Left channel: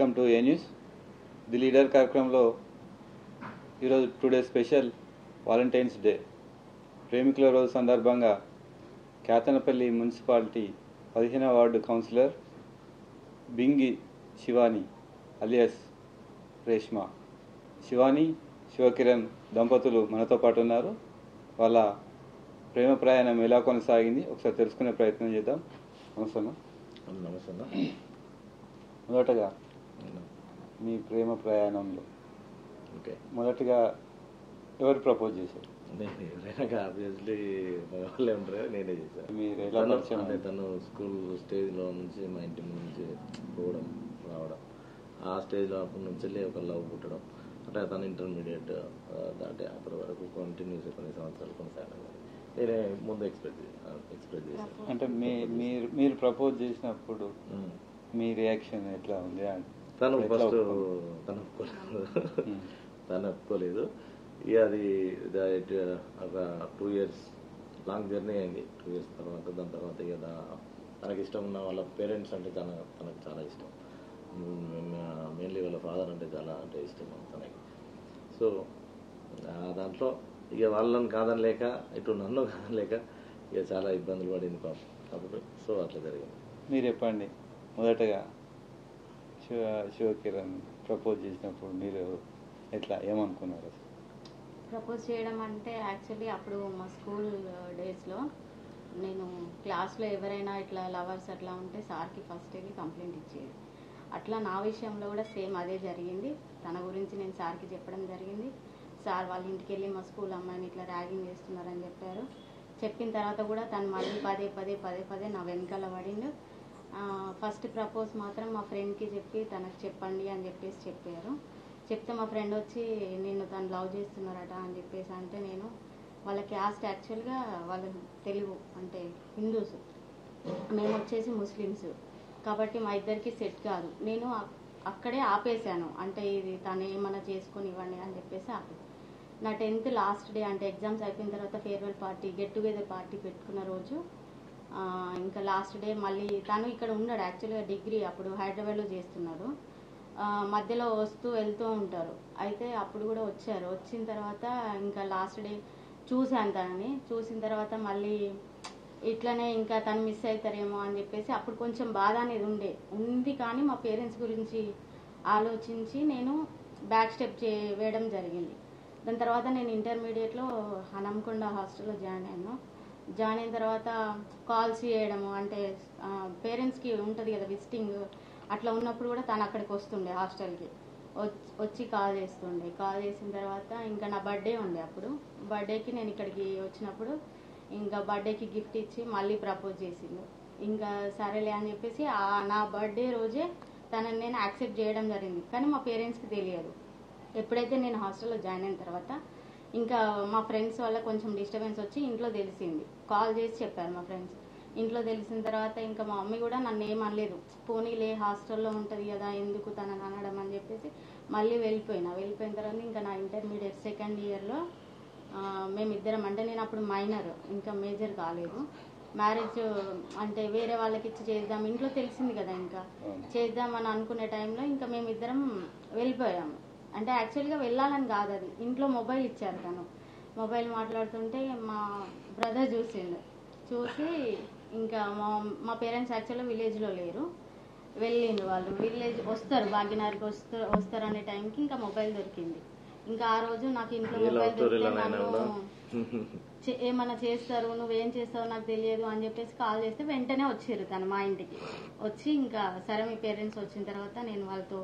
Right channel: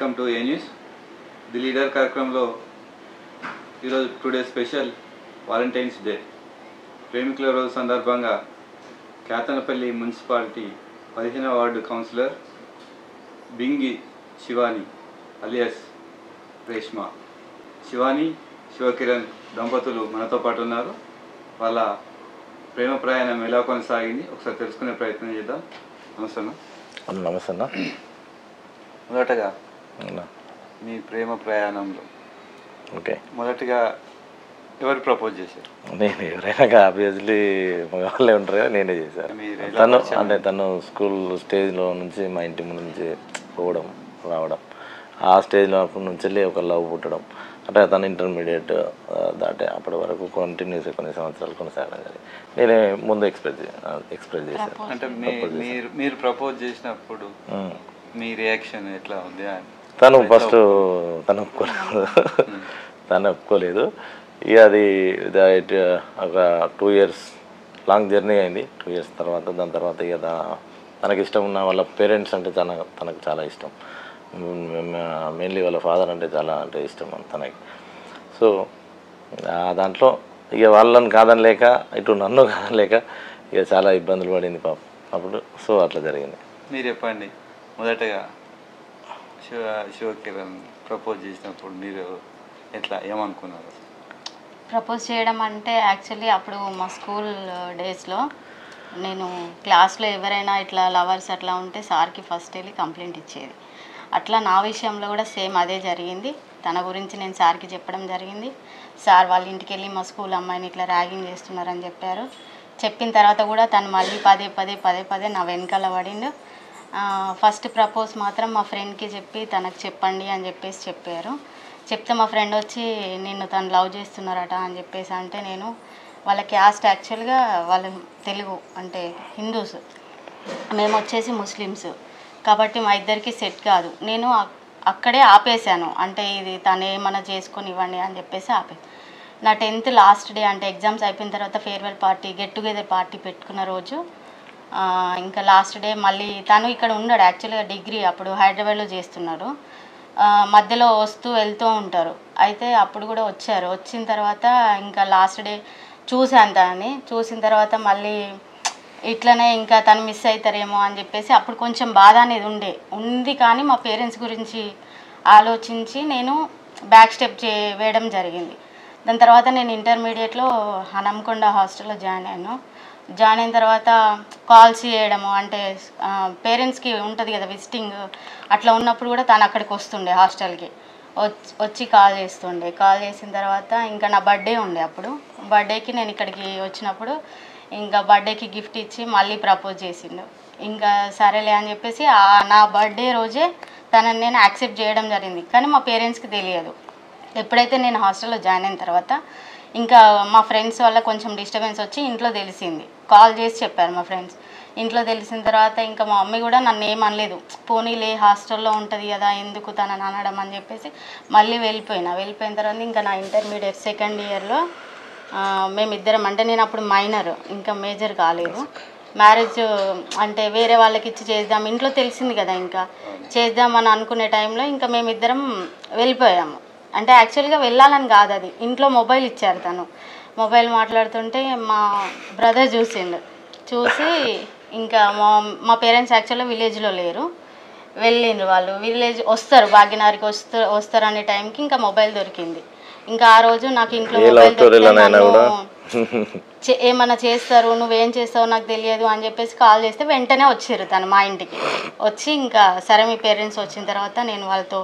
Welcome to A news. The leader కార్యక్రమంలో ఈరోజు today special Valentine's Day. ప్రేమికుల రోజు సందర్భంగా కేతనపల్లి మున్సిపాలిటీ 15వ ward councillor Bingi Shivani alias Reshma, Shivani Shivakiran దంపతులు మనతో పాటు ఉన్నారు. వాళ్ళ ప్రేమ ప్రయాణం ఎలా కొనసాగింది ఒకసారి తెలుసుకునే ప్రయత్నం చేద్దాం. నమస్తే అన్న. నమస్తే అన్న. మొదటగా మీ ప్రేమ ప్రయాణంలో మొదటిగా ఎవరు ప్రపోజ్ చేశారు? నేను ఎవరైనా ఆబ్వియస్లీ మగవాళ్ళే ఉంటారు కదా, నేనే చేశాను. తను స్కూల్ స్టేజ్లో నుంచి మా ఇంటి ముందు నుంచి పోవడం రావడం, ఆ స్టేజ్లో నుంచి వెళ్ళి ఒక లవ్ పుట్టడం, అంటే తను ఇంటర్మీడియట్ దాటే అప్పటి వరకు కంటిన్యూస్ కొన్ని సంవత్సరాలు కొనసాగడం కానీ నేనే ముందు ఎక్స్ప్రెస్ చేశాను. అంటే మీరు ప్రపోజ్ చేసినప్పుడు మీ రియాక్షన్ ఎట్లా ఉంది? తను ఫస్ట్ తను ఒప్పుకోలేదు. ఇక అది ఒక 2 years లాంగ్ జర్నీ అయింది. 2 years తర్వాత దాని తర్వాత ఇక తనకి ఇష్టం ఉన్న వాళ్ళ పేరెంట్స్ అంటే తనకు చాలా ఇష్టం. మెయిన్లీ వాళ్ళ ఫాదర్ అంటే చాలా ఇష్టం తనకి. సో దాంట్లో ఇక వాళ్ళని కాదనలేక ఇటు నన్ను కాదనలేక ఇక చాలా ఇబ్బందులు పడింది పాపం అప్పుడు. సో అట్లా జరిగింది. మీరు చెప్పండి, మొదటగా శివకిరణ్ ప్రపోజ్ చేసినప్పుడు మీరు ఎట్లా ఏమనుకున్నారు? ప్రపోజ్ చేయడం అంటే యాక్చువల్లీ అప్పుడు మా స్కూల్ డేస్లో నేను క్లాస్లో ఎవరైనా ఇట్లా లవర్స్ అట్లా ఉంటే సార్కి ఫస్ట్ వెళ్ళి కంప్లైంట్ ఇచ్చేది. అట్లా నా విషయంలో కూడా సేమ్ అదే జరిగింది. తన గురించి నేను సార్కి చెప్పడం జరిగింది. సార్ వాళ్ళ ఇంటికి వెళ్ళి మా స్కూల్ అమ్మాయిని ఇట్లా ర్యాగింగ్ చేస్తున్నారని చెప్పారు. చెప్పిన తర్వాత కూడా తను మళ్ళీ పదే నా వెనకాల పడిండు. ఫస్ట్ ప్రపోజ్ మాత్రం మా ఫ్రెండ్కి చెప్పి తనకు చెప్పండి అని చెప్పేసి చెప్పారు. చెప్తే మా ఫ్రెండ్ వచ్చి నిన్ను తను లవ్ చేస్తున్నారట అని చెప్పేసి అంటే, నేను వాళ్ళ క్యాస్ట్ యాక్చువల్గా వాళ్ళ తెలుగు అంటే హిందూస్, మేము వచ్చేసి ముస్లిమ్స్ కాబట్టి మా ఇద్దరికి సెట్ కాదు. నేను అక్కడే ఆపేశాను. అంటే ఇది తను ఏమన్నా చేసుకొని ఇవ్వండి అని చెప్పేసి ఆపేసి, నా 10th లాస్ట్ డే అంటే ఎగ్జామ్స్ అయిపోయిన తర్వాత farewell party get together party పెట్టుకున్న రోజు ఇంకా లాస్ట్ డే మళ్ళీ తను ఇక్కడ ఉన్నాడు. యాక్చువల్గా డిగ్రీ అప్పుడు హైదరాబాద్లో చేస్తున్నారు. మధ్యలో వస్తూ వెళ్తూ ఉంటారు. అయితే అప్పుడు కూడా వచ్చారు. వచ్చిన తర్వాత ఇంకా లాస్ట్ డే చూశాను తనని. చూసిన తర్వాత మళ్ళీ ఇట్లనే ఇంకా తను మిస్ అవుతారేమో అని చెప్పేసి అప్పుడు కొంచెం బాధ అనేది ఉంది. కానీ మా పేరెంట్స్ గురించి ఆలోచించి నేను బ్యాక్ స్టెప్ వేయడం జరిగింది. దాని తర్వాత నేను ఇంటర్మీడియట్లో హనంకొండ హాస్టల్లో జాయిన్ అయ్యాను. జాయిన్ అయిన తర్వాత కాల్స్ చేయడము, అంటే పేరెంట్స్కి ఉంటుంది కదా విజిటింగ్, అట్లా ఉన్నప్పుడు కూడా తను అక్కడికి వస్తుండే హాస్టల్కి వచ్చి కాల్ చేస్తుండే. కాల్ చేసిన తర్వాత ఇంకా నా బర్త్డే ఉండే, అప్పుడు బర్త్డేకి నేను ఇక్కడికి వచ్చినప్పుడు ఇంకా బర్త్డేకి గిఫ్ట్ ఇచ్చి మళ్ళీ ప్రపోజ్ చేసిండు. ఇంకా సరేలే అని చెప్పేసి నా బర్త్డే రోజే తనని నేను యాక్సెప్ట్ చేయడం జరిగింది. కానీ మా పేరెంట్స్కి తెలియదు. ఎప్పుడైతే నేను హాస్టల్లో జాయిన్ అయిన తర్వాత ఇంకా మా ఫ్రెండ్స్ వల్ల కొంచెం డిస్టర్బెన్స్ వచ్చి ఇంట్లో తెలిసింది. కాల్ చేసి చెప్పారు మా ఫ్రెండ్స్. ఇంట్లో తెలిసిన తర్వాత ఇంకా మా మమ్మీ కూడా నన్ను ఏమనలేదు. పోనీలే హాస్టల్లో ఉంటుంది కదా ఎందుకు తనని అనడం అని చెప్పేసి మళ్ళీ వెళ్ళిపోయిన తర్వాత ఇంకా నా ఇంటర్మీడియట్ సెకండ్ ఇయర్లో మేమిద్దరం, అంటే నేను అప్పుడు మైనర్, ఇంకా మేజర్ కాలేదు. మ్యారేజ్ అంటే వేరే వాళ్ళకి ఇచ్చి చేద్దాం, ఇంట్లో తెలిసింది కదా ఇంకా చేద్దామని అనుకునే టైంలో ఇంకా మేమిద్దరం వెళ్ళిపోయాము. అంటే యాక్చువల్గా వెళ్ళాలని కాదు, అది ఇంట్లో మొబైల్ ఇచ్చారు. తను మొబైల్ మాట్లాడుతుంటే మా బ్రదర్ చూసి ఇంకా మా పేరెంట్స్ యాక్చువల్గా విలేజ్లో లేరు, వెళ్ళిండ్రు. వాళ్ళు విలేజ్ వస్తారు, భాగ్యనగర్కి వస్తారు అనే టైంకి ఇంకా మొబైల్ దొరికింది. ఇంకా ఆ రోజు నాకు ఇంట్లో మొబైల్ ఏమన్నా చేస్తారు, నువ్వేం చేస్తావో నాకు తెలియదు అని చెప్పేసి కాల్ చేస్తే వెంటనే వచ్చారు తను మా ఇంటికి వచ్చి, ఇంకా సరే మీ పేరెంట్స్ వచ్చిన తర్వాత నేను వాళ్ళతో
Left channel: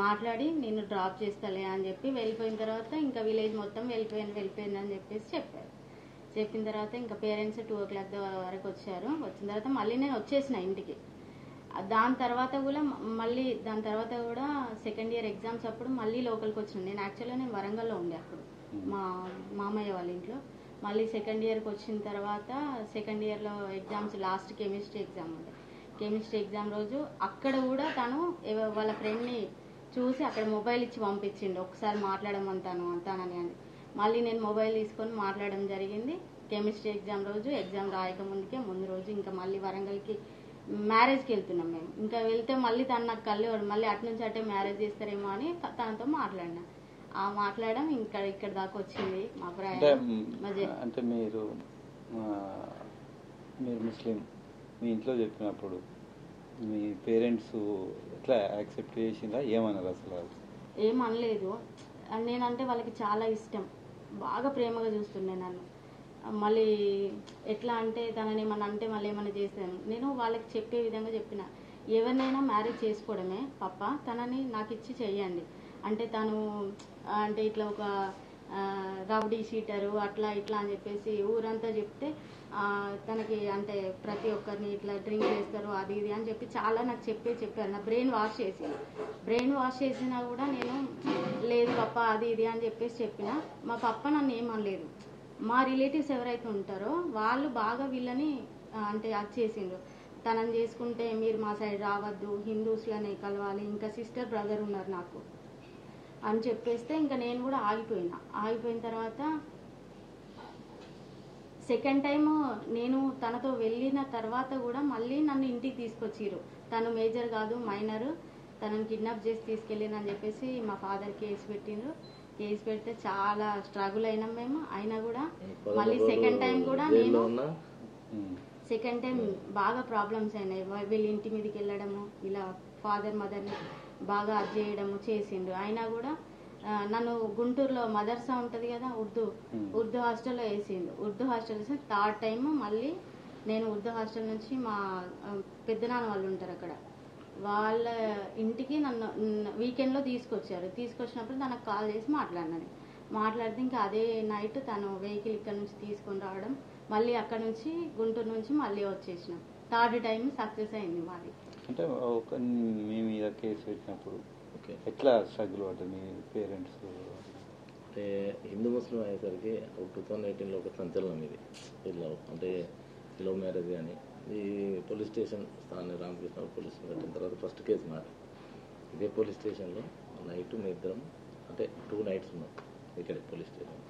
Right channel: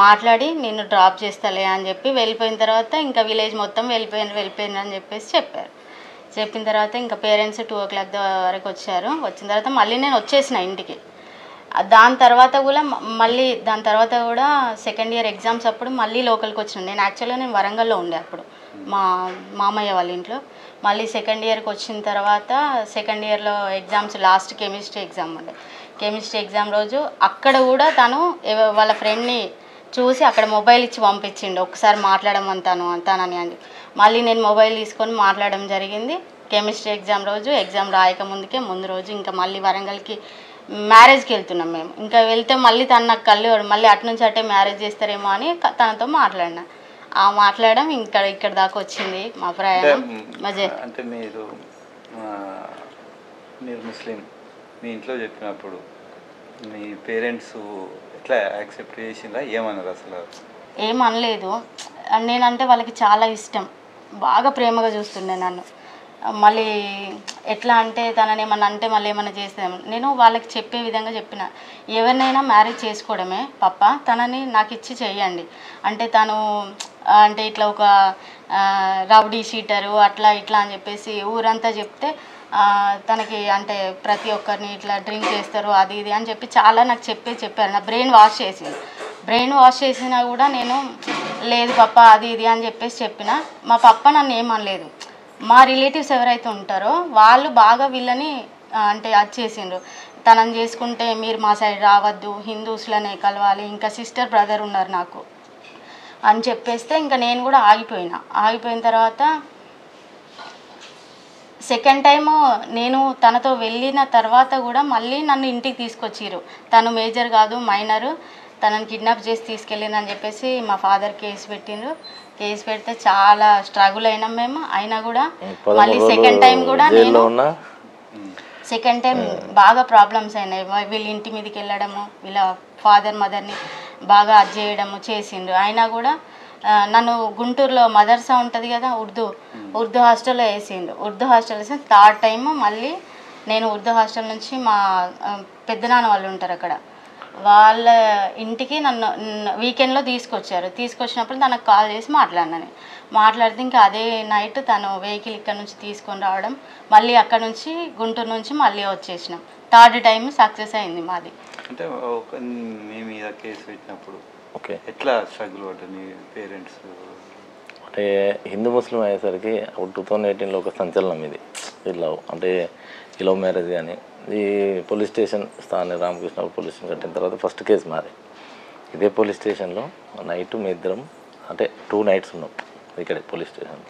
మాట్లాడి నిన్ను డ్రాప్ చేస్తాలే అని చెప్పి వెళ్ళిపోయిన తర్వాత ఇంకా విలేజ్ మొత్తం వెళ్ళిపోయింది అని చెప్పేసి చెప్పారు. చెప్పిన తర్వాత ఇంకా పేరెంట్స్ 2 o'clock వరకు వచ్చారు. వచ్చిన తర్వాత మళ్ళీ నేను వచ్చేసిన ఇంటికి. దాని తర్వాత కూడా సెకండ్ ఇయర్ ఎగ్జామ్స్ అప్పుడు మళ్ళీ లోకల్కి వచ్చినాను. నేను యాక్చువల్గా వరంగల్లో ఉండే అప్పుడు మా మామయ్య వాళ్ళ ఇంట్లో. మళ్ళీ సెకండ్ ఇయర్కి వచ్చిన తర్వాత సెకండ్ ఇయర్లో ఎగ్జామ్స్ లాస్ట్ కెమిస్ట్రీ ఎగ్జామ్ ఉండే. కెమిస్ట్రీ ఎగ్జామ్ రోజు అక్కడ కూడా తను వాళ్ళ ఫ్రెండ్ని చూసి అక్కడ మొబైల్ ఇచ్చి పంపించిండు, ఒకసారి మాట్లాడమంటానని అని. మళ్ళీ నేను మొబైల్ తీసుకొని మాట్లాడడం జరిగింది. కెమిస్ట్రీ ఎగ్జామ్ రోజు ఎగ్జామ్ రాయక ముందు రోజు ఇంకా మళ్ళీ వరంగల్కి మ్యారేజ్కి వెళ్తున్నాం మేము. ఇంకా వెళ్తే మళ్ళీ తను నాకు కళ్ళు మళ్ళీ అటు నుంచి అటే మ్యారేజ్ చేస్తారేమో అని తనతో మాట్లాడినా. ఆ మాట్లాడడం ఇక్కడ దాకా వచ్చింది మా ప్రయాణం. అంటే మీరు ముస్లిం, మీ ఇంట్లో చెప్పినప్పుడు మీ పేరెంట్స్ ఎట్లా యాక్సెప్ట్ చేసిందా, ఏమన్నారు అసలు? ఏమనలేదు. నేనంటే వాళ్ళకి చాలా ఇష్టం, బాగా ప్రేమగా చూస్తుండే నన్ను. మళ్ళీ ఎట్లా అంటే తనని ఏమన్నా అంటే మళ్ళీ ఏమన్నా చేస్తాము. నేను వాళ్ళకి చెప్పే విధంగా చెప్పిన, ఎవరినైనా మ్యారేజ్ చేసుకోవడమే పప్ప, తనని నాకు ఇచ్చి చెయ్యండి. అంటే తను అంటే ఇట్లా ఒక రౌడీ షీటరు అట్లా ఇట్లా అని చెప్పేసి ఊరంతా చెప్తే తనకి అంటే ప్రతి ఒక్కరిని ఇట్లా డ్రింక్ చేస్తారు అది ఇది అని చెప్పి చాలా నాకు చెప్పారు. నా బ్రెయిన్ వాష్ చేసినా కూడా నేను లేదు పప్ప అది ఇది అని చెప్పేసి చెప్పిన. మా పప్ప నన్ను ఏమనలేదు. మా రిలేటివ్స్ ఎవరైతే ఉంటారో వాళ్ళు బాగా వీళ్ళని అంటే అది చేసిండ్రు, తనని చేసుకుంటే మీరు మా సైడ్ రావద్దు, హిందూస్లోనే కలవాలి, ఇంకా సిస్టర్ బ్రదర్ ఉన్నారు నాకు అని చెప్పేస్తే ఇంకా నేను కూడా ఆగిపోయిన తర్వాత సెకండ్ టైము నేను తనతో వెళ్ళిన తర్వాత కూడా మళ్ళీ నన్ను ఇంటికి తీసుకొచ్చిర్రు. తను మేజర్ కాదు, మైనరు, తనని కిడ్నాప్ చేసి తీసుకెళ్ళిందని చెప్పేసి మా ఫాదర్ కేసు పెట్టిండ్రు. కేసు పెడితే చాలా స్ట్రగుల్ అయినాం మేము. అయినా కూడా మళ్ళీ సెకండ్ టైం కూడా నేను సెకండ్ టైం బాగా ప్రాబ్లమ్స్ అయినాయి. వీళ్ళ ఇంటి మీదకి వెళ్ళడము, వీళ్ళ ఫాదర్ మదర్ని బాగా అది చేయడము చేసిండ్రు. అయినా కూడా నన్ను గుంటూరులో మదర్సా ఉంటుంది కదా, ఉర్దూ హాస్టల్లో వేసిండు. ఉర్దూ హాస్టల్ వేసి థర్డ్ టైం మళ్ళీ నేను ఉర్దూ హాస్టల్ నుంచి మా పెద్దనాన్న వాళ్ళు ఉంటారు అక్కడ, వాళ్ళ ఇంటికి నన్ను వీకెండ్లో తీసుకొచ్చినప్పుడు తనకు కాల్ చేసి మాట్లాడితే ఇంకా అదే నైట్ తను వెహికల్ ఇక్కడ నుంచి తీసుకొని రావడం, మళ్ళీ అక్కడ నుంచి గుంటూరు నుంచి మళ్ళీ వచ్చేసినాం. థర్డ్ టైం సక్సెస్ అయింది మాది. అంటే మీ మీద కేసు పెట్టినప్పుడు ఓకే ఎట్లా స్ట్రగుల్ పడ్డది పేరెంట్స్? అంటే హిందూ ముస్లిం అయ్యేసరికి 2018లో ఒక సంచలనం ఇది. ఇలా అంటే ఈ లవ్ మ్యారేజ్ కానీ ఈ పోలీస్ స్టేషన్ స్థానిక రామకృష్ణ పోలీస్ స్టేషన్ కట్టిన తర్వాత ఫస్ట్ కేసు మాది. ఇదే పోలీస్ స్టేషన్లో నైట్ మీ ఇద్దరం అంటే 2 nights ఉన్నాం ఇక్కడే పోలీస్ స్టేషన్.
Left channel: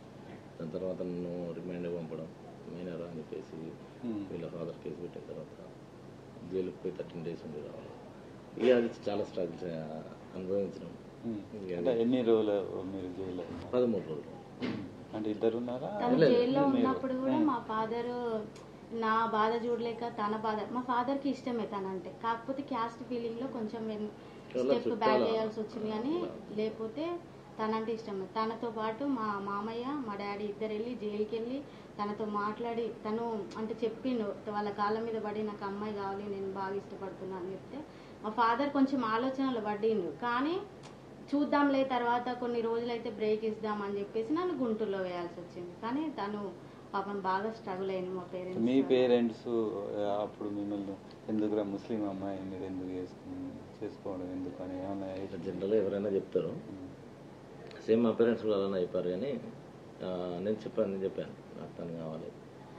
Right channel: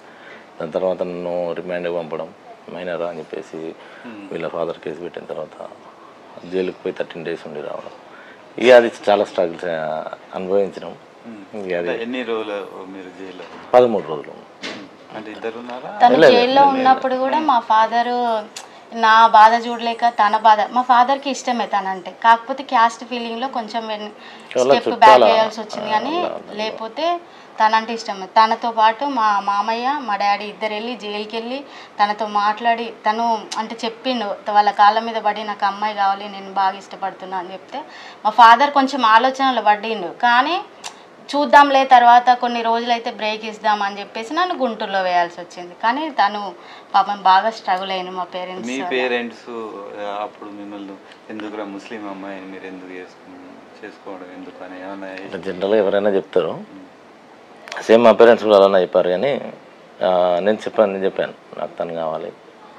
దాని తర్వాత నన్ను రిమాండ్కి పంపడం, మైనరా అని చెప్పేసి వీళ్ళ ఫాదర్ కేసు పెట్టిన తర్వాత జైలుకి పోయి 13 days ఉండి రావడం. ఇక అది చాలా స్ట్రగుల్స్ అనుభవించినాం. ఎన్ని రోజులు మీరు జైల్లో? 13 రోజులు. అంటే ఇద్దరు ఉన్నారా? తను జైల్లో ఉన్నప్పుడు కూడా మా ఫాదరు నా బాధ చూడలేక తన బాధ, మా ఫాదర్కి ఇష్టమే తనంటే, కాకపోతే క్యాస్ట్ ఫీలింగ్లో కొంచెం స్టెప్ బ్యాక్ వేయాల్సి వచ్చింది. కానీ లేకపోతే తనంటే ఇష్టమే. తనతో పాటు మా మామయ్య మా డాడీ ఇద్దరు వెళ్ళి జైలుకి వెళ్ళి తనతో మాట్లాడి తను అంటే చెప్పిండు వాళ్ళ కాళ్ళ మీద పడి నాకు అమ్మాయి కావాలి, నేను బాగా ఇష్టపడుతున్నా అని చెప్తే మా ఫాదర్ కొంచెం ఆలోచనలు పడిండు. కానీ చూద్దాంలే తర్వాత కొన్ని రోజులైతే బ్రేక్ ఇద్దామని చెప్పేసి నన్ను గుంటూరులో వేయాల్సి వచ్చింది. కానీ తను పాపం బాగా స్ట్రగుల్ అయింది. మా పేరెంట్స్ మీ పేరెంట్స్ అప్పుడు మిమ్మల్ని ఎందుకు ముస్లిం అమ్మాయిని మీరు ఎందుకు చేసుకోవడం ఎందుకు అని జనరల్గా ఎవరైనా చెప్తారు, సేమ్ మా పేరెంట్స్ కూడా అలానే చెప్పారు. కానీ నేను చెప్పాను నాకు తను కావాలి,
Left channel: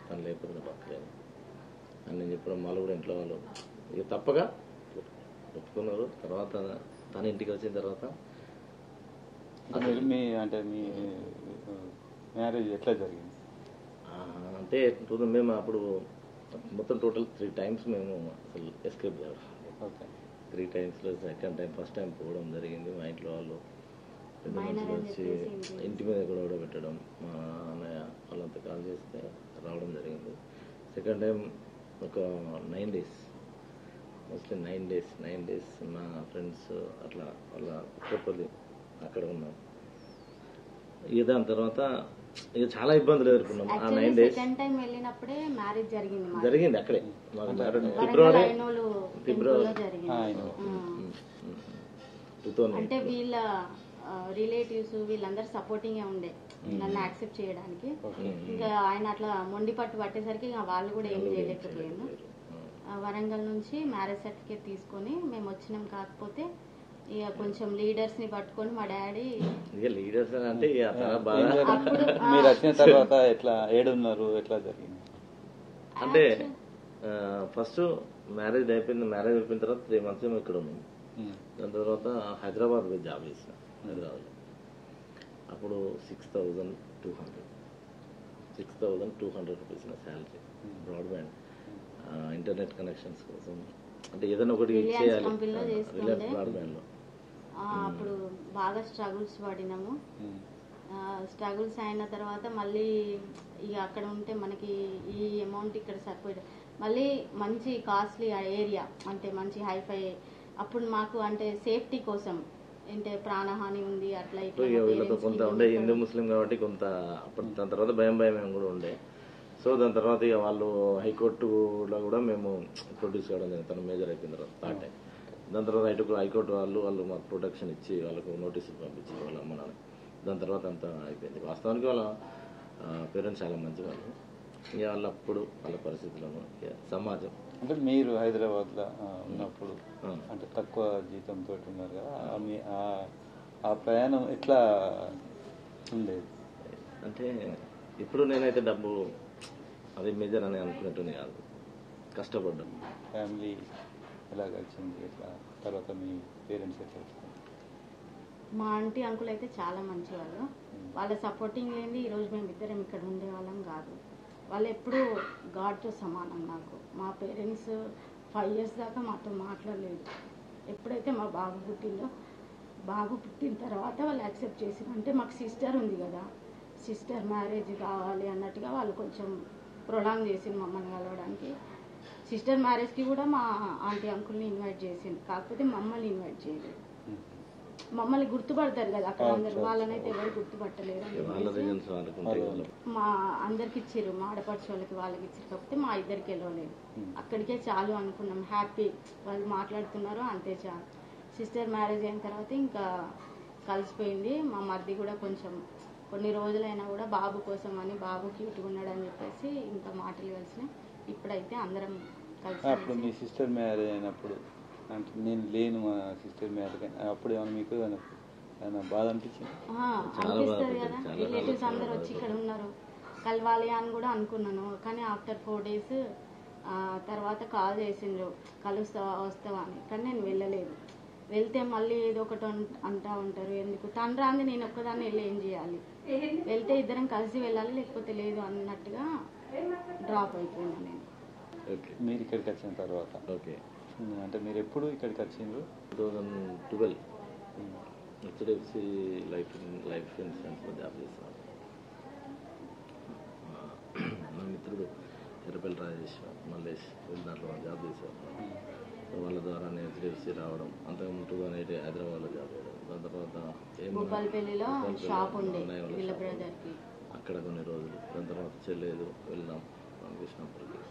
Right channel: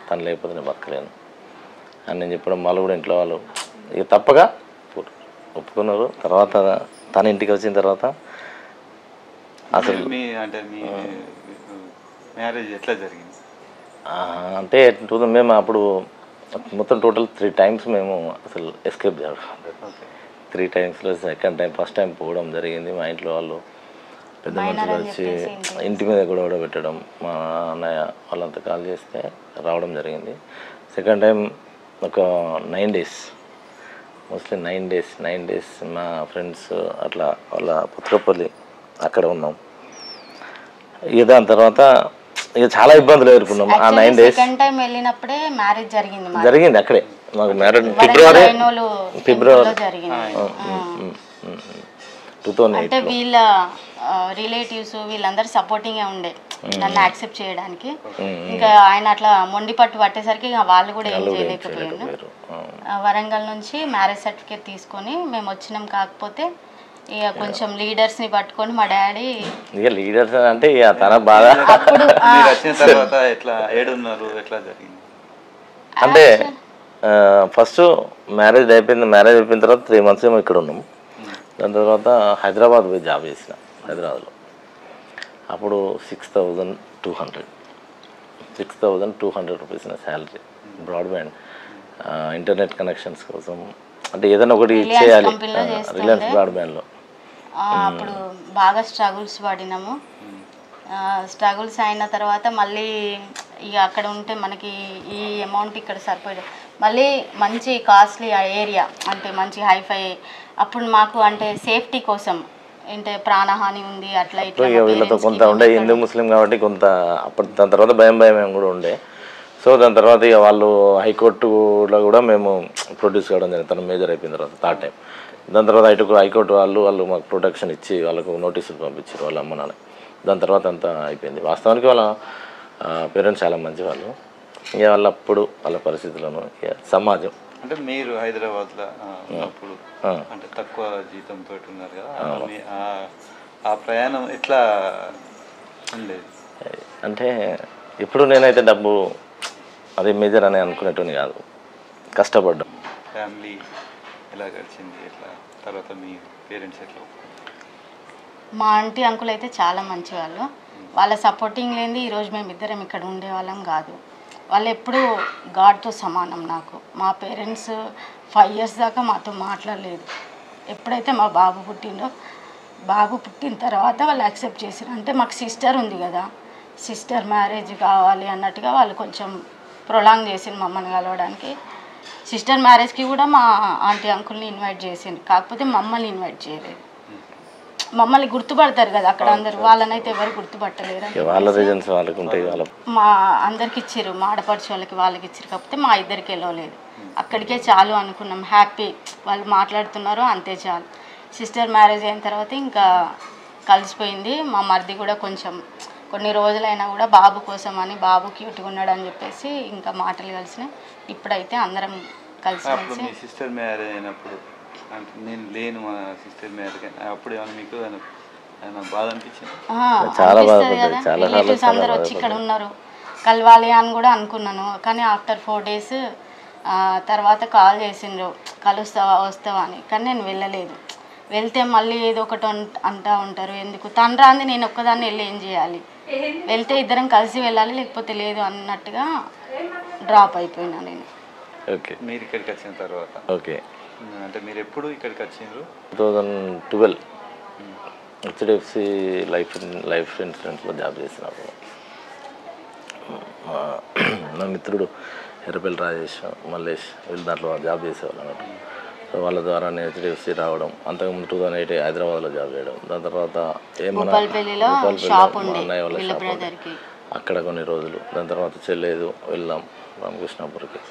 తను లేకపోతే నేను బతకలేను అని నేను చెప్పడం వాళ్ళు కూడా ఇంట్లో వాళ్ళు ఇక తప్పగా ఒప్పుకున్నారు. తర్వాత తన ఇంటికి వచ్చిన తర్వాత అసలు మ్యారేజ్ ఎట్లా జరిగింది అంటే మేము అప్పుడు మొత్తం టోటల్ 3 times మేము అసలు ఎస్కేప్ చేయడం. 3 timesలో సెకండ్ టైం ఫస్ట్ టైం పోవడం జరిగింది. మా ఇంట్లో వాళ్ళు పెద్ద మనుషులు వచ్చి ఇంటి మీద గొడవ పెట్టడం, మా అన్నయ్య వాళ్ళంతా కాల్ చేస్తే రావడం జరిగింది. సెకండ్ టైం ఒక 9 days, మోస్ట్లీ 9 days మా ఫ్రెండ్స్ అట్లా వాళ్ళ పుత్రపల్లి అక్కడ ఉన్నాం. ఇక దాని తర్వాత ఇక చాలా ఇబ్బందులు ఎదుర్కొన్నాం. ఆ 9 days సెకండ్ టైం వెళ్ళినప్పుడే మ్యారేజ్ జరిగింది అక్కడే. మాకు మ్యారేజ్ ఫిబ్రవరి 2008. అంటే వీళ్ళ రిలేటివ్స్ వీళ్ళందరూ సపోర్టింగ్గా ఉండే నన్ను యాక్సెప్ట్ చేయడానికి. ఇంకా ఆయన అట్లా మొండి పట్టేసరికి ఇంకా వాళ్ళు కూడా ఏం చేయలేకపోయాను. వరంగల్ నుంచి మ్యారేజ్ సర్టిఫికేట్ తీసుకొని మేము వచ్చినాం. కాకపోతే ఇక కొంచెం లీడర్స్ని పట్టుకొని మా డాడీ ఇక లీడర్స్ అంటే ఇక తన బాధ అంటే ఫస్ట్ మ్యారేజ్ అయిపోయిన తర్వాత 3 months ఏమో ఇక్కడ ఉన్నాము. దాని తర్వాత హైదరాబాద్ పోయి జాబ్ చేసిన హైదరాబాద్లో. అప్పుడు 6,200 రూపీస్ నా శాలరీ. బ్రాడ్బ్యాండ్ ఇంటర్నెట్ కనెక్షన్స్ కోసం అంటే ఏదైనా ఒకటి రిలయన్స్ చేయాలి. కంపెనీలో చేస్తుండే. రిలయన్స్ బ్రాడ్బ్యాండ్లో అప్పుడు బాగా స్ట్రగుల్స్ పడినాము. స్ట్రగుల్స్ అయిన తర్వాత మళ్ళీ ఇక అక్కడ ఉంటే మనకి ఈ అమౌంట్ ఇక్కడ సరిపోయేది. మళ్ళీ మంచి కాస్ట్లీ ఏరియా అంటే మంచి హైఫై. అప్పుడు మాకు అంటే సేఫ్టీ కోసం అంటే ప్రాణహాని ఉంది అట్లా ఇట్లా మా వీళ్ళతో parents కి కొంత మేము ఉండే ఇక్కడ హిందూ ముస్లిం కాబట్టి కొంత అప్పుడు దాని తర్వాత భయం ఏం కూడా ఉండే. సో దాని తర్వాత ఇక వాళ్ళు హైకోర్టులో కూడా మేము ప్రొడ్యూస్ కావడం జరిగింది. తను మేజర్ అయిపోయిన తర్వాత థర్డ్ టైం. దాని తర్వాత హైకోర్టు వాళ్ళు మాకు ప్రొటెక్షన్ ఇచ్చి వాళ్ళకు నోటీసులు పంపించారు వాళ్ళ అమ్మ నాన్న. దాని తర్వాత అంతా అయిపోయింది. వాస్తవానికి వాళ్ళ పేరెంట్స్ చాలా మంచి వాళ్ళు. ఇక వాళ్ళప్పుడు వాళ్ళ పరిస్థితులను ఇక సమాజం అంటే మీరు హైదరాబాద్లో ఉన్నప్పుడు అంటే తక్కువ జీతంతో ఉన్నారు కదా, ఆ ప్రయాణం ఎట్లా ఉండేది? అంటే ఇప్పుడు నేనైతే డబ్బు అది మేజర్ అని అనుకునేటోని కాదు, కష్టపడ్డాం. ఫ్యామిలీ ఎలా గడిచింది, ఎట్లా తర్వాత మీ పేరెంట్స్ ఎట్లా? మా ఆంటీ అంకుల్ అయితే చాలా మంచి వాళ్ళు. వాళ్ళ సపోర్టింగ్ లేనిది ఈరోజు మేమిద్దరం ఇక్కడ ఉండేవాళ్ళం కాదు. వాళ్ళు ఎప్పుడూ గాడ్తో సమానం నాకు. మా పేరెంట్స్ 5 years దాకా మాతో మాట్లాడలేదు. ఎప్పుడైతే మా బాబు పుట్టిండో, బాబు పుట్టిన తర్వాత వాళ్ళు యాక్సెప్ట్ చేశారు. అంటే మాకు సిస్టర్ ఉంది కదా, సిస్టర్ మ్యారేజ్ కావాలి అన్నట్టుగా వాళ్ళు కొంచెం ప్రొలాంగ్ చేసింది మమ్మల్ని కలవడానికి. సిస్టర్ మ్యారేజ్కి కూడా మా ఆంటీ అంకుల్ని ఇన్వైట్ చేసింది, కాకపోతే మమ్మల్ని ఇన్వైట్ చేయలేదు. మమ్మల్ని గుర్తుపడతారు కదా అక్కడ అందరు, వాళ్ళనైతే ఎవరు గుర్తుపట్టలేరు. వాళ్ళ రీజన్స్ వాళ్ళకి ఉంటాయి. వాళ్ళ మా అందరికి ఇచ్చారు, మా ఆడపడుచు వాళ్ళకి ఇచ్చారు, కాకపోతే మా ఇద్దరికి వెళ్ళలేదు. అక్కడికే చాలు అనుకున్నాం, హ్యాపీ వాళ్ళు మాట్లాడుతున్నారు అంతే చాలు. సిస్టర్ మ్యారేజ్ అయిన తర్వాత ఇంకా కలిసిపోయింది. మా మరిది కూడా కొంచెం కొన్ని రోజులైనా కూడా బాబు కోసం అని, బాబు క్యూట్గా ఉన్నాడు అని చెప్పేసి ఇంకా మాటలు కలిసినాయి. ఇప్పుడైతే అందరం కలిసి మీ సిస్టర్ మ్యారేజ్ అయినప్పుడు అంటే నేను లేను మా సిస్టర్ మ్యారేజ్, అప్పుడు ఏమైనా మీకు ఏమైనా బాధ అనిపించింది? అనిపిస్తుంది కదా, రిలేటివ్స్ అందరు వచ్చి ఇక్కడ ఉన్నారు కలవాలి అని కూడా అనుకున్నాను. కానీ ఆఫ్టర్ 4 days తర్వాత కాల్ చేసిండ్రు కలుస్తావా వస్తావా అని, కానీ నేను వెళ్ళలేదు. వెళ్తే మళ్ళీ ఏదో ఒకటి అంటూ ఉంటారు, ఎందుకు తను రాంది నేను ఒక్కదాన్ని వెళ్ళి ఏం చేయాలి, వెళ్తే ఇద్దరం కలిసి వెళ్ళాలి లేకపోతే లేదు అన్నట్టుగా డ్రాప్ అయిపోయినా నేను. ఓకే, మీరు ఇక్కడికి వచ్చిన తర్వాత ఓకే అంటే మీరు ఎప్పుడు ఇక్కడికి వచ్చిండ్రు? 2012 హెచ్డిఎఫ్సి లైఫ్ ఇన్సూరెన్స్లో జాబ్ చేసినప్పుడు నా మిత్రుడు ఎర్రపల్లి రాజేష్, మల్లేష్ వీళ్ళు దాంట్లో జాబ్ చేసేవాళ్ళు అన్నట్టు. సో వాళ్ళ ద్వారా నేను హెచ్డిఎఫ్సి రావడం, అంతకుముందు 2008 హైదరాబాద్లో జాబ్ చేయడం. దాని తర్వాత భూపాలపల్లిలో షాప్ ఉండే అన్నయ్య వాళ్ళ వీళ్ళ షాప్ బ్రదర్కి, అక్కడ కొన్ని రోజులు. దాని తర్వాత చెల్లేదు వెళ్ళాం రామకృష్ణాపురికి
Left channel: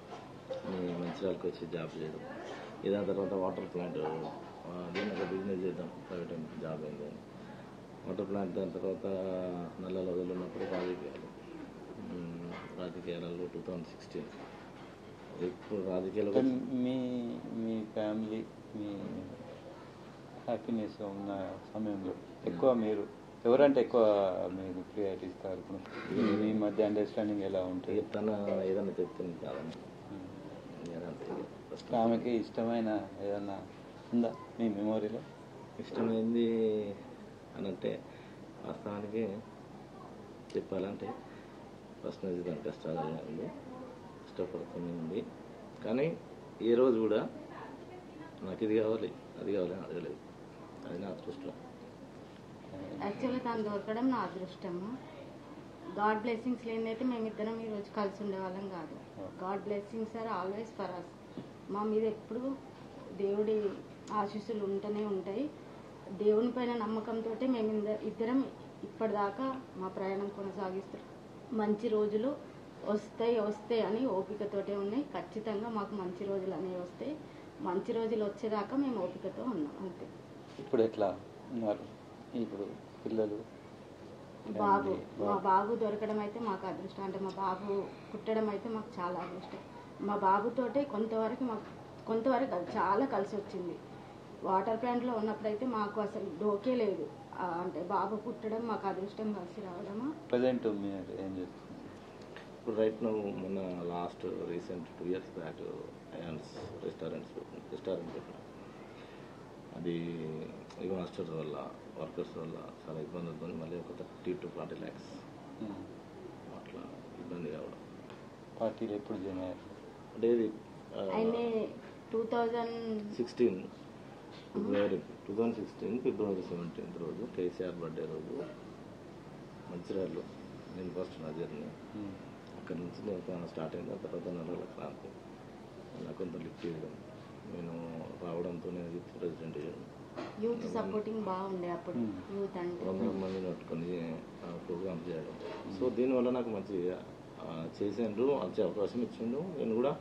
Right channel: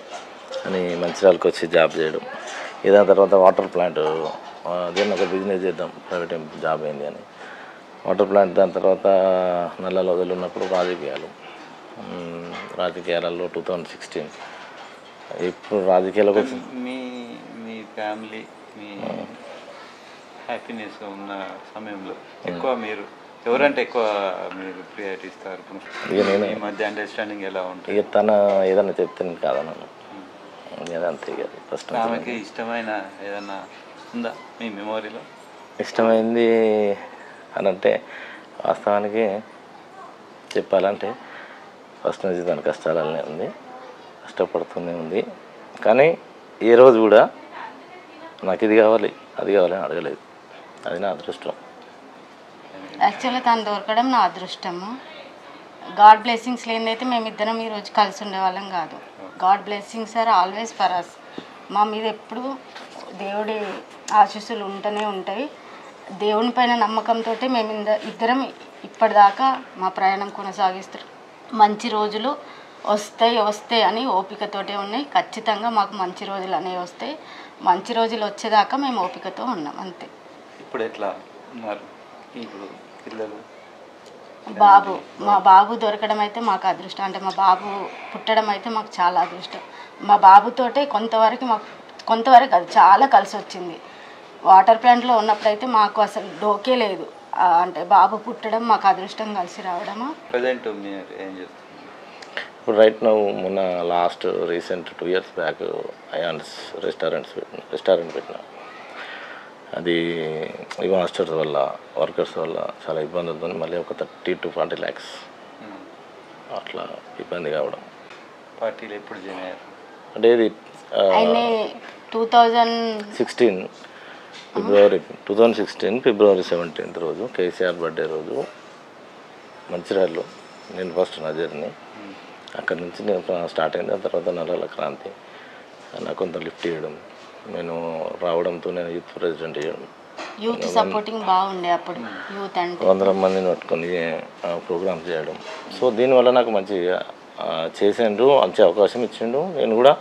అని మంచిర్యాలకు వచ్చి జాబ్ చేయడం. దాని తర్వాత వాటర్ ప్లాంట్ దీన్ని ఒక బిజినెస్ చేద్దాం, ప్రైవేట్ జాబ్ అయింది అని వాటర్ ప్లాంట్. దాని తర్వాత నల్లలో వదిలిన్నప్పుడు రాజకీయాలలో 2016. ఇప్పుడు రాజకీయాలకు మీ మీ ఫ్యామిలీ మీ హ్యాపీనెస్గా ఉన్న సమయంలో ఎక్కువ మీరు ఎవరంటే ఎక్కువ మీరు ప్రియారిటీ ఇస్తారు? ఈ మధ్య అండర్స్టాండింగ్ ఎలా ఉంటుంది? ఇక తన ఏదన్నా చెప్తే కాదన్నాను అదంతే. ఇక ఫస్ట్ ఆమెకి ఇష్టమైన ఏదన్నా ఉందా మీ మెమోరీలో? ఇష్టమైంది అని అంటే వాస్తవానికి చెప్పాలంటే ఫస్ట్ నుంచి దాని కష్టాలనే ఉంది, కష్టపడుతూనే ఉంది. కానీ ఏ రోజు కూడా నాకు ఇది కావాలి అది కావాలని అడగలేదు. అది నా అదృష్టం. యాక్చువల్గా తను దొరకడం నా అదృష్టము. గాడ్ బ్లెస్సింగ్స్ లేనిదైతే మేమిద్దరం ఈరోజు కలిసి ఉండేవాళ్ళం కాదు. God blessings are always for us. మా మీద ఎప్పుడు దేవుడి ఆశీస్సులు ఉంటూనే ఉంటాయి. దేవుని పైన నమ్మకంతో మేము ఇద్దరం ఇప్పటిదాకా మా ప్రయాణం కొనసాగిస్తాం. మంచి రోజులు వస్తాయి అని ఓపికతోటే ఉన్నాయి. ఖచ్చితంగా మాకు మంచి రోజులు అనేవి వస్తాయి. మంచి రోజులు వచ్చేదాకా మేము ఓపికతో ఉన్నాం అంతే. ఇప్పుడు ఎట్లా ఉన్నారు ఇప్పుడు పిల్లలు? మా బాబు దొరకడం అయితే మాకు అదృష్టం. అంటే మా బాబు పుట్టడం అయితే మాకు చాలా అదృష్టం. మా బాబుతోటే కొంతవరకు అది చాలా కలిసి వచ్చింది. వాటర్ ప్లాంట్లో ఉన్నప్పుడైతే మాకు అసలు డోకే లేదు. అంటే బాబు పుట్టడం మాకు అదృష్టం కలిసి రావడము. ప్రజెంట్ మీరు ఏం చేస్తున్నారు? ఇప్పుడు రైట్ నౌ మొన్న recent 2 years back ions restaurant పెట్టిన. అది ఈ మాస్టర్స్ వల్ల వర్కర్స్ వల్ల చాలా ఇబ్బంది అవుతుంది. మళ్ళీ ఒక 30 to 40 lakhs అట్లా ఇబ్బంది కావడం. పార్టీలు ఎప్పుడు జాయిన్ అయ్యారు? అంటే ఇది 2016 ఫిబ్రవరి 17th రోజు కేసీఆర్ బర్త్డే రోజు మంచిర్యాలలో నేను ఫస్ట్ నా జర్నీ అక్కడి నుంచి నేను స్టార్ట్ అయింది. ఆ తర్వాత నల్లాల క్రాంతి నాకు కొంత లిఫ్ట్ చేయడం, నేను రావడంతో నేను యూత్ ప్రెసిడెంట్ చేయడం, యూత్ సపోర్టింగ్ బాగుండే అప్పుడు యూత్ అంటే 100 మందిని పట్టుకొని ప్రోగ్రామ్స్ చేయడం. సో దీనివల్ల నాకు మంచి చేసిండు, మంచి అవకాశం ఇచ్చిండు. నేను కూడా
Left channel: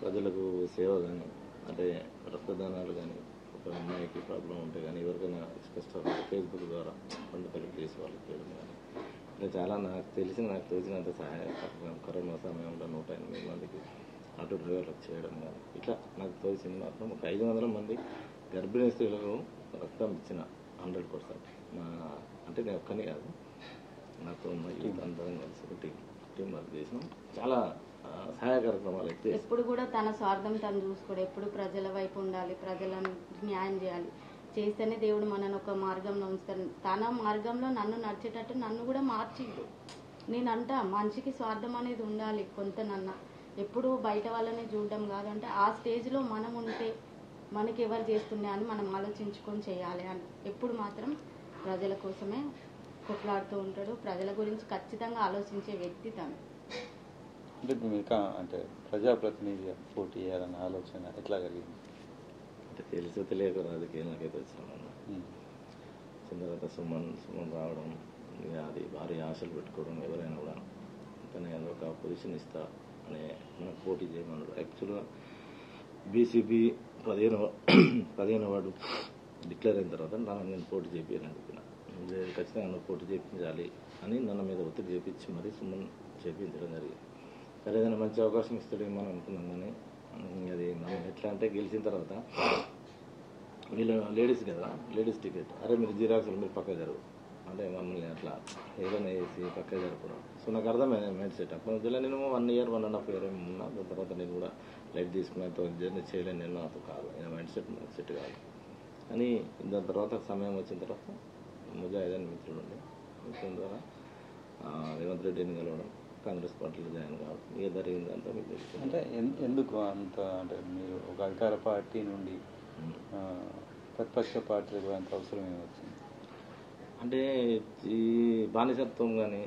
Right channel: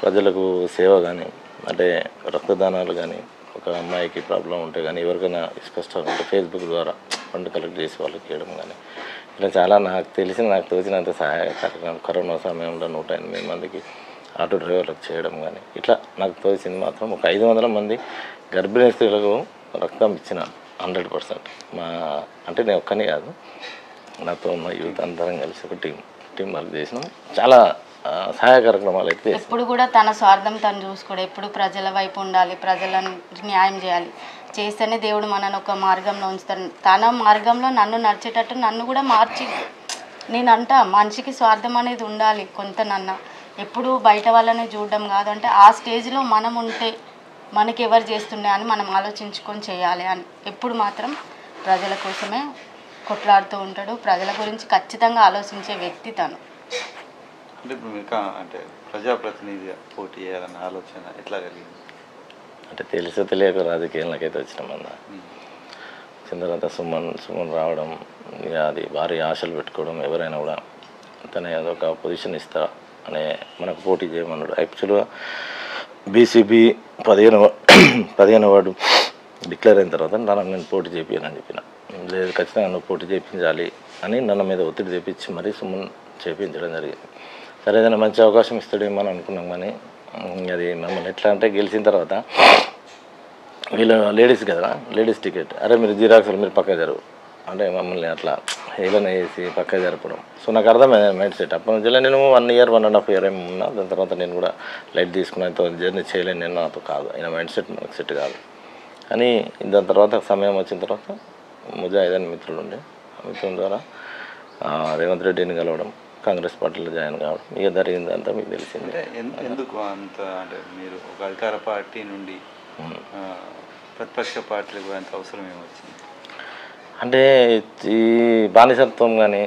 ప్రజలకు సేవ కానీ అంటే రక్తదానాలు కానీ, ఒక అమ్మాయికి ప్రాబ్లం ఉంటే కానీ, ఎవరికైనా స్పష్టంగా ఉంటే ఫేస్బుక్ ద్వారా ఫండ్ కలెక్ట్ చేసి వాళ్ళకి చేయడం కానీ, ఇలా చాలా నాకు తోచినంత సహాయ కార్యక్రమం కరోనా సమయంలో 108 మందికి ఆటో డ్రైవర్లకు చేయడం కానీ, ఇట్లా నాకు తోచింది మాత్రం ఒక 500 మంది గర్భిణీ స్త్రీలకు రక్తం ఇచ్చిన 100%. అంటే నేను ఒక్కనే కాదు, నాతో ఉన్న యూత్ అందరం కలిసి ఒక టీం వర్క్ చేసినాం. చాలా సహాయ కార్యక్రమాలు అయితే ఎప్పుడు కూడా తన స్వార్థం తను చూసుకోడు, ఎప్పుడు ప్రజల వైపు ఉండాలి, ప్రజలను న్యాయం చేయాలి. చేస్తేనే దేవుడు మనను ఒక మార్గంలో ఉంచుతాడు. తన మార్గంలో నన్ను నడిచేటట్టు నన్ను కూడా మార్చి, నేనంట మనిషికి స్వార్థం అనేది ఉండాలి కొంతనన్నా, ఎప్పుడు బయట వాళ్ళని చూడడం కాదు. అంటే ఆ స్టేజ్లో మనం ఉంటే మనకి ఎవరు చేస్తుండే అని మనం ఆలోచించుకొని చేయాలి అని ఎప్పుడు మాత్రం ప్రజల కోసమే కొట్లాడుతూ ఉంటాడు. ప్రజల గురించి ఖచ్చితంగా ఆలోచించే వ్యక్తి తను. అంటే ఇప్పుడు ఇంకా అంటే ప్రజాప్రతినిధిగా పోటీ చేయాలన్న ఆలోచన ఎట్లా కలిగింది? అంటే తెలుసో తెలియక రాజకీయాలకైతే వచ్చినామన్న. వచ్చిన తర్వాత సుమన్ రావడం, ఇక అది భారీ ఆశలు పెట్టుకోవడం, ఎవరైనా కూడా తన అదొక పొజిషన్ ఇస్తా అనే మనకు పోటీ చేయమన్నాడు. యాక్చువల్గా బీసీబీ 15వ వార్డు డిక్లేర్ అయిన తర్వాత నేను పోటీ చేయించాలని చెప్పిన. లేదు, ఖచ్చితంగా నువ్వు పోటీ చేయించాలి అని నన్ను మీద ఒత్తిడి తెప్పించి మరీ సుమన్ చేయించడం జరిగింది. సరే, ఏదైనా మంచి అవకాశం ఇస్తాడేమో అని అనుకున్నాం. కానీ అది మమ్మల్ని ఎట్లా అంటే గెలిచిన తర్వాత వీళ్ళు లేడీస్ కదా, లేడీస్ టికెట్, అరే మీరు జిరాక్స్లు మీరు పక్క జరుగు అంటే మమ్మల్ని అట్లా హేళన వేసి పక్క జరపడం. సో నాకు అర్థమైంది మైండ్ సెట్. అప్పటి నుంచి నేను 1 year 1.5 year ఏమో ఉన్నా. దాని తర్వాత నేను కూడా లైట్ తీసుకున్నాను, జర్నీ చేయలేను, నేను నాతో కాదు, అయినా మైండ్ సెట్ నాకు సెట్ కాదు. కానీ దాని తర్వాత సమయం వచ్చిన తర్వాత ముజాహిద్ అని మిత్రుడు ఉండే, ఆ మిత్రుల ద్వారా రేవంత్ రెడ్డిని కలవడం, కాంగ్రెస్ పార్టీలో జాయిన్ కావడం, ఇక జరిగిందంతా మీకు తెలిసింది. ఎందుకు అంత అంటే మీరు ఒక అధికార పార్టీ నుండి ప్రతిపక్ష పార్టీలకు అంత అవసరం ఏమొచ్చింది? అంటే ఈ బానిసత్వం కానీ,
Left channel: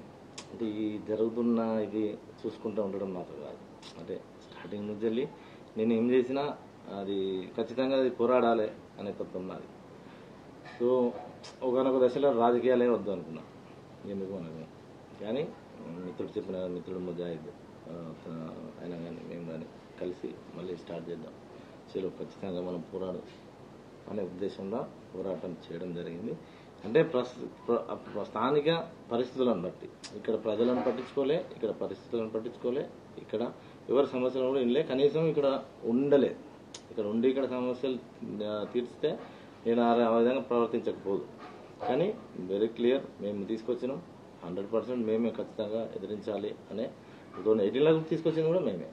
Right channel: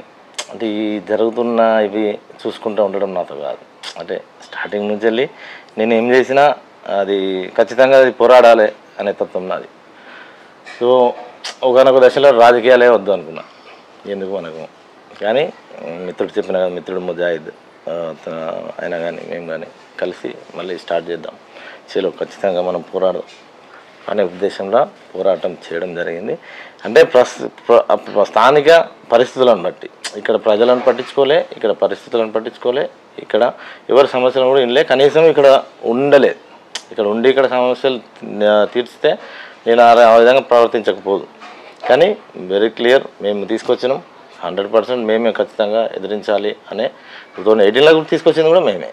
అంటే ఈ జరుగుతున్న ఇవి చూసుకుంటూ ఉండడం నాతో కాదు. అంటే స్టార్టింగ్ నుంచి వెళ్ళి నేను ఏం చేసినా అది ఖచ్చితంగా అది పోరాడాలి అనే తత్వం నాది. సో ఒకనొక దశలో రాజకీయాలే వద్దు అనుకున్నా, ఎందుకు మనకు. కానీ మిత్రుడు చెప్పిన కదా, మిత్రుడు ముజాహిద్ అయినా కానీ మేము కానీ కలిసి మళ్ళీ స్టార్ట్ చేద్దాం, చలో ఖచ్చితంగా మనం పోరాడదాం అనే ఉద్దేశంలో పోరాటం చేయడం జరిగింది. అంటే స్థానిక పరిస్థితులను బట్టి ఇక్కడ ప్రజలను పట్టించుకోలే, ఇక్కడ పరిస్థితులను పట్టించుకోలే, ఇక్కడ ఎవరి సమస్యలను కూడా వినలే, కనీసం ఇక్కడ ఉండలేదు. ఇక్కడ ఉండి ఇక్కడ సమస్యలు తీర్చితే నేను ఆ విధంగా ప్రవర్తించకపోదు. కానీ వెరీ క్లియర్, మేము తీసుకొచ్చినాం 100%, మేమే ఖచ్చితంగా ఎదిరించాలి అనే 2018లో కూడా తీసుకొచ్చింది కూడా మేమే.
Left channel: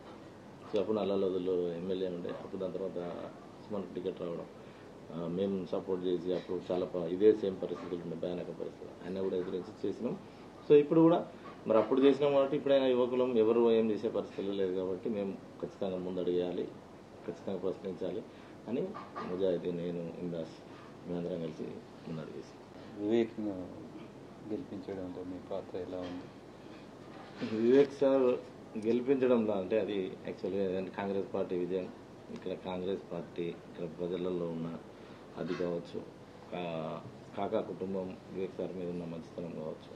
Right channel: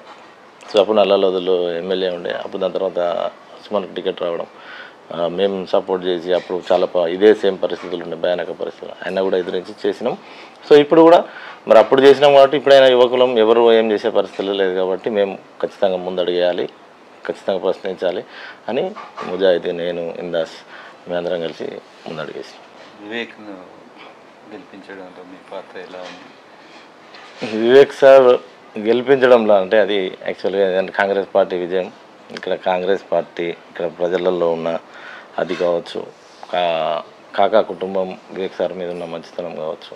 సో అప్పుడు నల్లలోదులో ఎమ్మెల్యే ఉండే, అప్పుడు దాని తర్వాత సుమన్కి టికెట్ రావడం, మేము సపోర్ట్ చేసి అప్పుడు చాలా ఇదే సేమ్ పరిస్థితులు ఉండే, భయానక పరిస్థితులు, అయినా కూడా ఎదిరించి చేసినాం. సో ఇప్పుడు కూడా మరి అప్పుడు చేసినాం కాబట్టి ఇప్పుడైనా యువకులం ఎవరు ఏం చేసే పరిస్థితులు లేదు కాబట్టి మేము ఖచ్చితంగా ముందడుగేయాలి, ఖచ్చితంగా ప్రశ్నించాలి అని ముజాహిద్, నేను, ఇందాస్ మేమందరం కలిసి ముందడుగేసాం. వివేక్ను గెలిపించడంలో మీ పాత్ర ఎలా ఉంది? వివేక్ సార్ గెలిపించడంలో అంటే అది యాక్చువల్గా కాంగ్రెస్ పార్టీ విజయం. ఇక్కడ కాంగ్రెస్ పార్టీ ఇక్కడ ప్రజలలో ఉన్న అది కావచ్చు, కాకా కుటుంబం వివేక్ సార్ మీద ఉన్న మంచితనం కావచ్చు,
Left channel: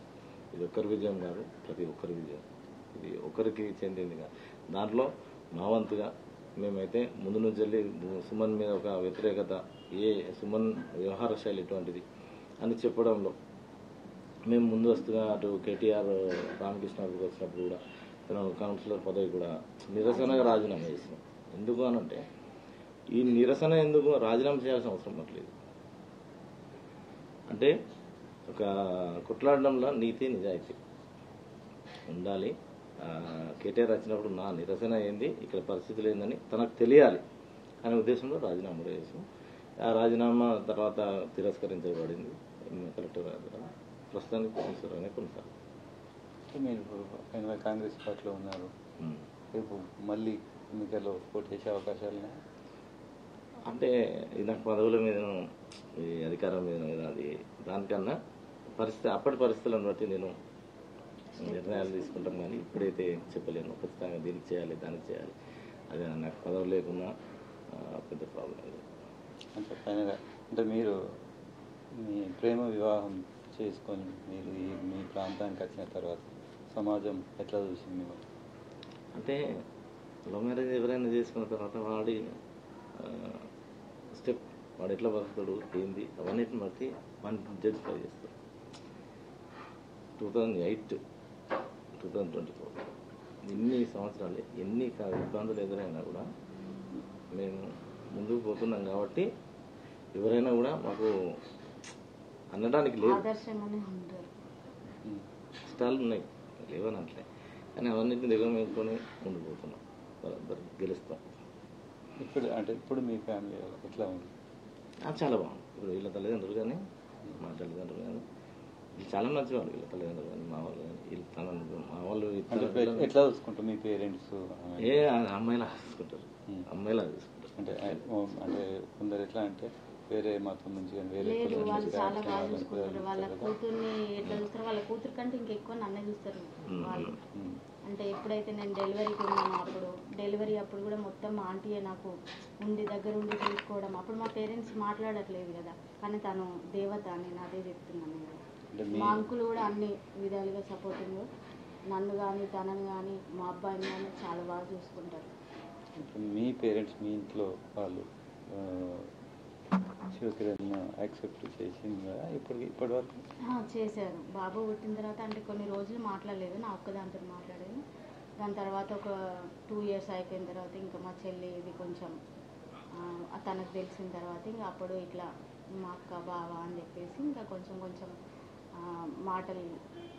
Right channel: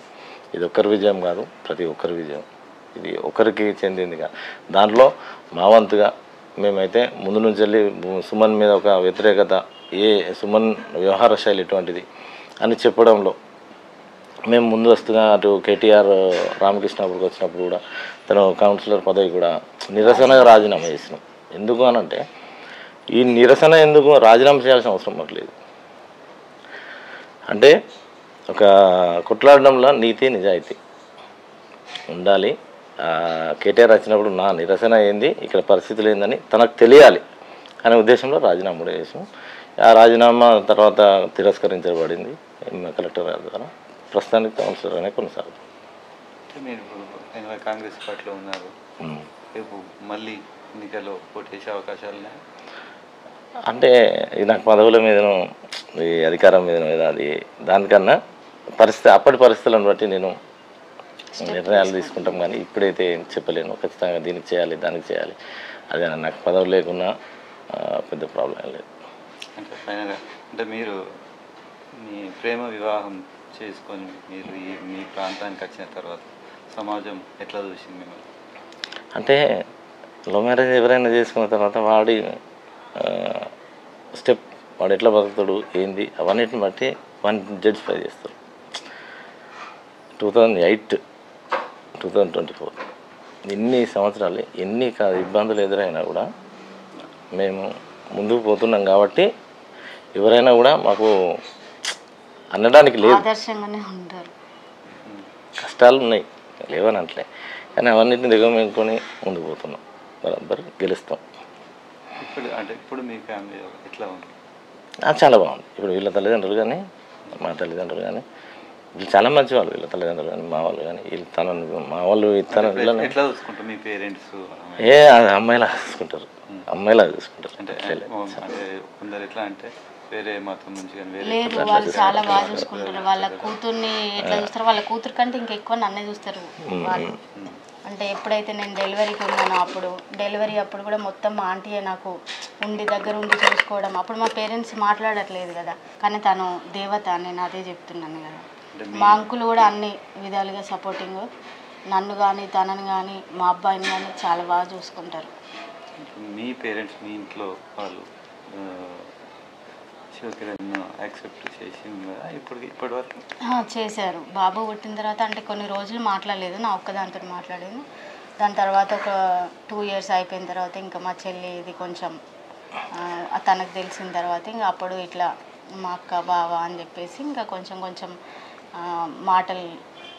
ఇది ఒక్కరి విజయం కాదు, ప్రతి ఒక్కరి విజయం. ఇది ఒకరికి చెందింది కాదు. దాంట్లో మా వంతుగా మేమైతే ముందు నుంచి వెళ్ళి సుమన్ మీద ఒక వ్యతిరేకత, సుమన్ వ్యవహార శైలి ఎటువంటిది అని చెప్పడంలో మేము ముందస్తుగా అటు కేటీఆర్ రామకృష్ణాపురికి వచ్చినప్పుడు కూడా తను కౌన్సిలర్ పదవి కూడా నిరసనగా రాజీనామా చేసినాం. ఎందుకు అనంటే ఈ నిరసన ఎందుకు రాజీనామా చేయాల్సిన అవసరం మాకు లేదు. అంటే ఒక కొట్లాడడంలో నీతి నిజాయితీ ఉండాలి. కేటీఆర్ వచ్చినప్పుడు నా నిరసన ఏంది, ఇక్కడ పరిస్థితులు ఏందని తనకు తెలియాలి అనే ఉద్దేశంలో రాజీనామా కూడా చేసాం. ఆ రాజీనామా తర్వాత తిరస్కరించబడింది కలెక్టర్ గారి ద్వారా. ప్రస్తుతానికి కౌన్సిలర్ అనే కొనసాగుతుంది. మీరు కాంగ్రెస్ పార్టీలో ఉన్నారు, రేపు మళ్ళీ ఎన్నికల్లో పోటీ చేసే అవకాశాలు అంటే ఇది నాకు పదవుల మీదను ఈ అధికారం మీద అది దానికన్నా అప్పటి పరిస్థితులను బట్టి నేను నిర్ణయాలు తీసుకుంటాం. కానీ ఇప్పుడైతే ఏం చెప్పలేను. ఖచ్చితంగా దీనికి చేయాలి, దానికి చేయాలి. అదే నాకు పదవులు లేకున్నా పెద్ద ప్రాబ్లం లేదు. అంటే ఫైనల్గా అంటే మీరు మీ ప్రేమ వివాహం చేసుకొని మీరు మీ ప్రాంతానికి వచ్చిన తర్వాత సమాజం ఎట్లా చూసింది మిమ్మల్ని? అంటే లవ్ మ్యారేజ్ ఎవరైనా చేసుకున్న తర్వాత వాడి స్టెప్, వాడు ఎట్లా బతుకుతాడు ఏంది అవన్నిటిని బట్టి వాడిని జడ్జిఫై చేస్తారు. 2008, 2024 ఇన్ని సంవత్సరాలు ఎన్ని ఇబ్బందులు ఎదురైనా కూడా మేము ముందుకు పోతున్నాం కాబట్టి ఎవరైనా కూడా మాకు అనడానికి లేదు. ఆదర్శంగానే ఉంటారు. కష్టాలు ఉన్నాయి, లేవని అంటలే, కానీ అవన్నిటిని దిగమేసుకొని ముందుకు పోతున్నాం. బరాబర్ గెలుస్తాం. ఇప్పుడు మీ ఫ్యామిలీ ఎట్లా ఉంది? చాలా బాగుంది. ఇప్పుడు వీళ్ళ తల్లిదండ్రులు కానీ మా తల్లిదండ్రులు కానీ వీళ్ళు చాలా మంచి వాళ్ళు. వీళ్ళ తల్లిదండ్రులు కానీ మా వాళ్ళు కానీ వీళ్ళు మా వాళ్ళు ఎట్లా చూసుకుంటారు మీ పేరెంట్స్? అది అమ్మాయిలా చూసుకుంటారు, అమ్మాయిలా చూసుకుంటారు. అంటే కొందరు ఎట్లా అంటే వేరే మతం నుంచి లేదు, వాళ్ళు చాలా బాగా చూసుకుంటారు. వాళ్ళ కూతుర్ని ఎట్లా చూస్తారు, వాళ్ళ కూతురు కంటే ఇంకెక్కువ నన్నే చూస్తారు వాళ్ళు. అంటే ఎప్పుడైతే నేను డెలివరీకి ఉన్నానో డెలివరీ అప్పుడు కూడా మొత్తం మా ఆంటీయే నాకు దగ్గర ఉండి చూసుకోవడం. అప్పుడు మా పేరెంట్స్ మాట్లాడట్లేదు కదా, కానీ తను దేవత, నేను అదే చెప్తున్నాను కదా. మా అంకులు కూడా అన్ని విధాలుగా సపోర్టింగ్, నన్ను కానీ తనని కానీ మా అబ్బాయిని కానీ చాలా బాగా చూసుకుంటారు. మీ పేరెంట్స్ మీ ఇంట్లో వాళ్ళు యాక్సెప్ట్ చేసింది కదా ఇప్పటి వరకు? చేశారు. బాబు పుట్టిన తర్వాత అంటే కొన్ని రోజులు మాట్లాడలేదు, నా ఒక్కదాంతో మాట్లాడేది. దాని తర్వాత ఒక 2 years అయిపోయిన తర్వాత ఇంకా మా చెల్లి ఇది కొంచెం తనకు తెలిసిన తర్వాత ఇంకా అప్పుడు ఇట్లా మా అక్క బావ అని చెప్పేసి ఇంకా కొంచెం కొంచెం మాటలు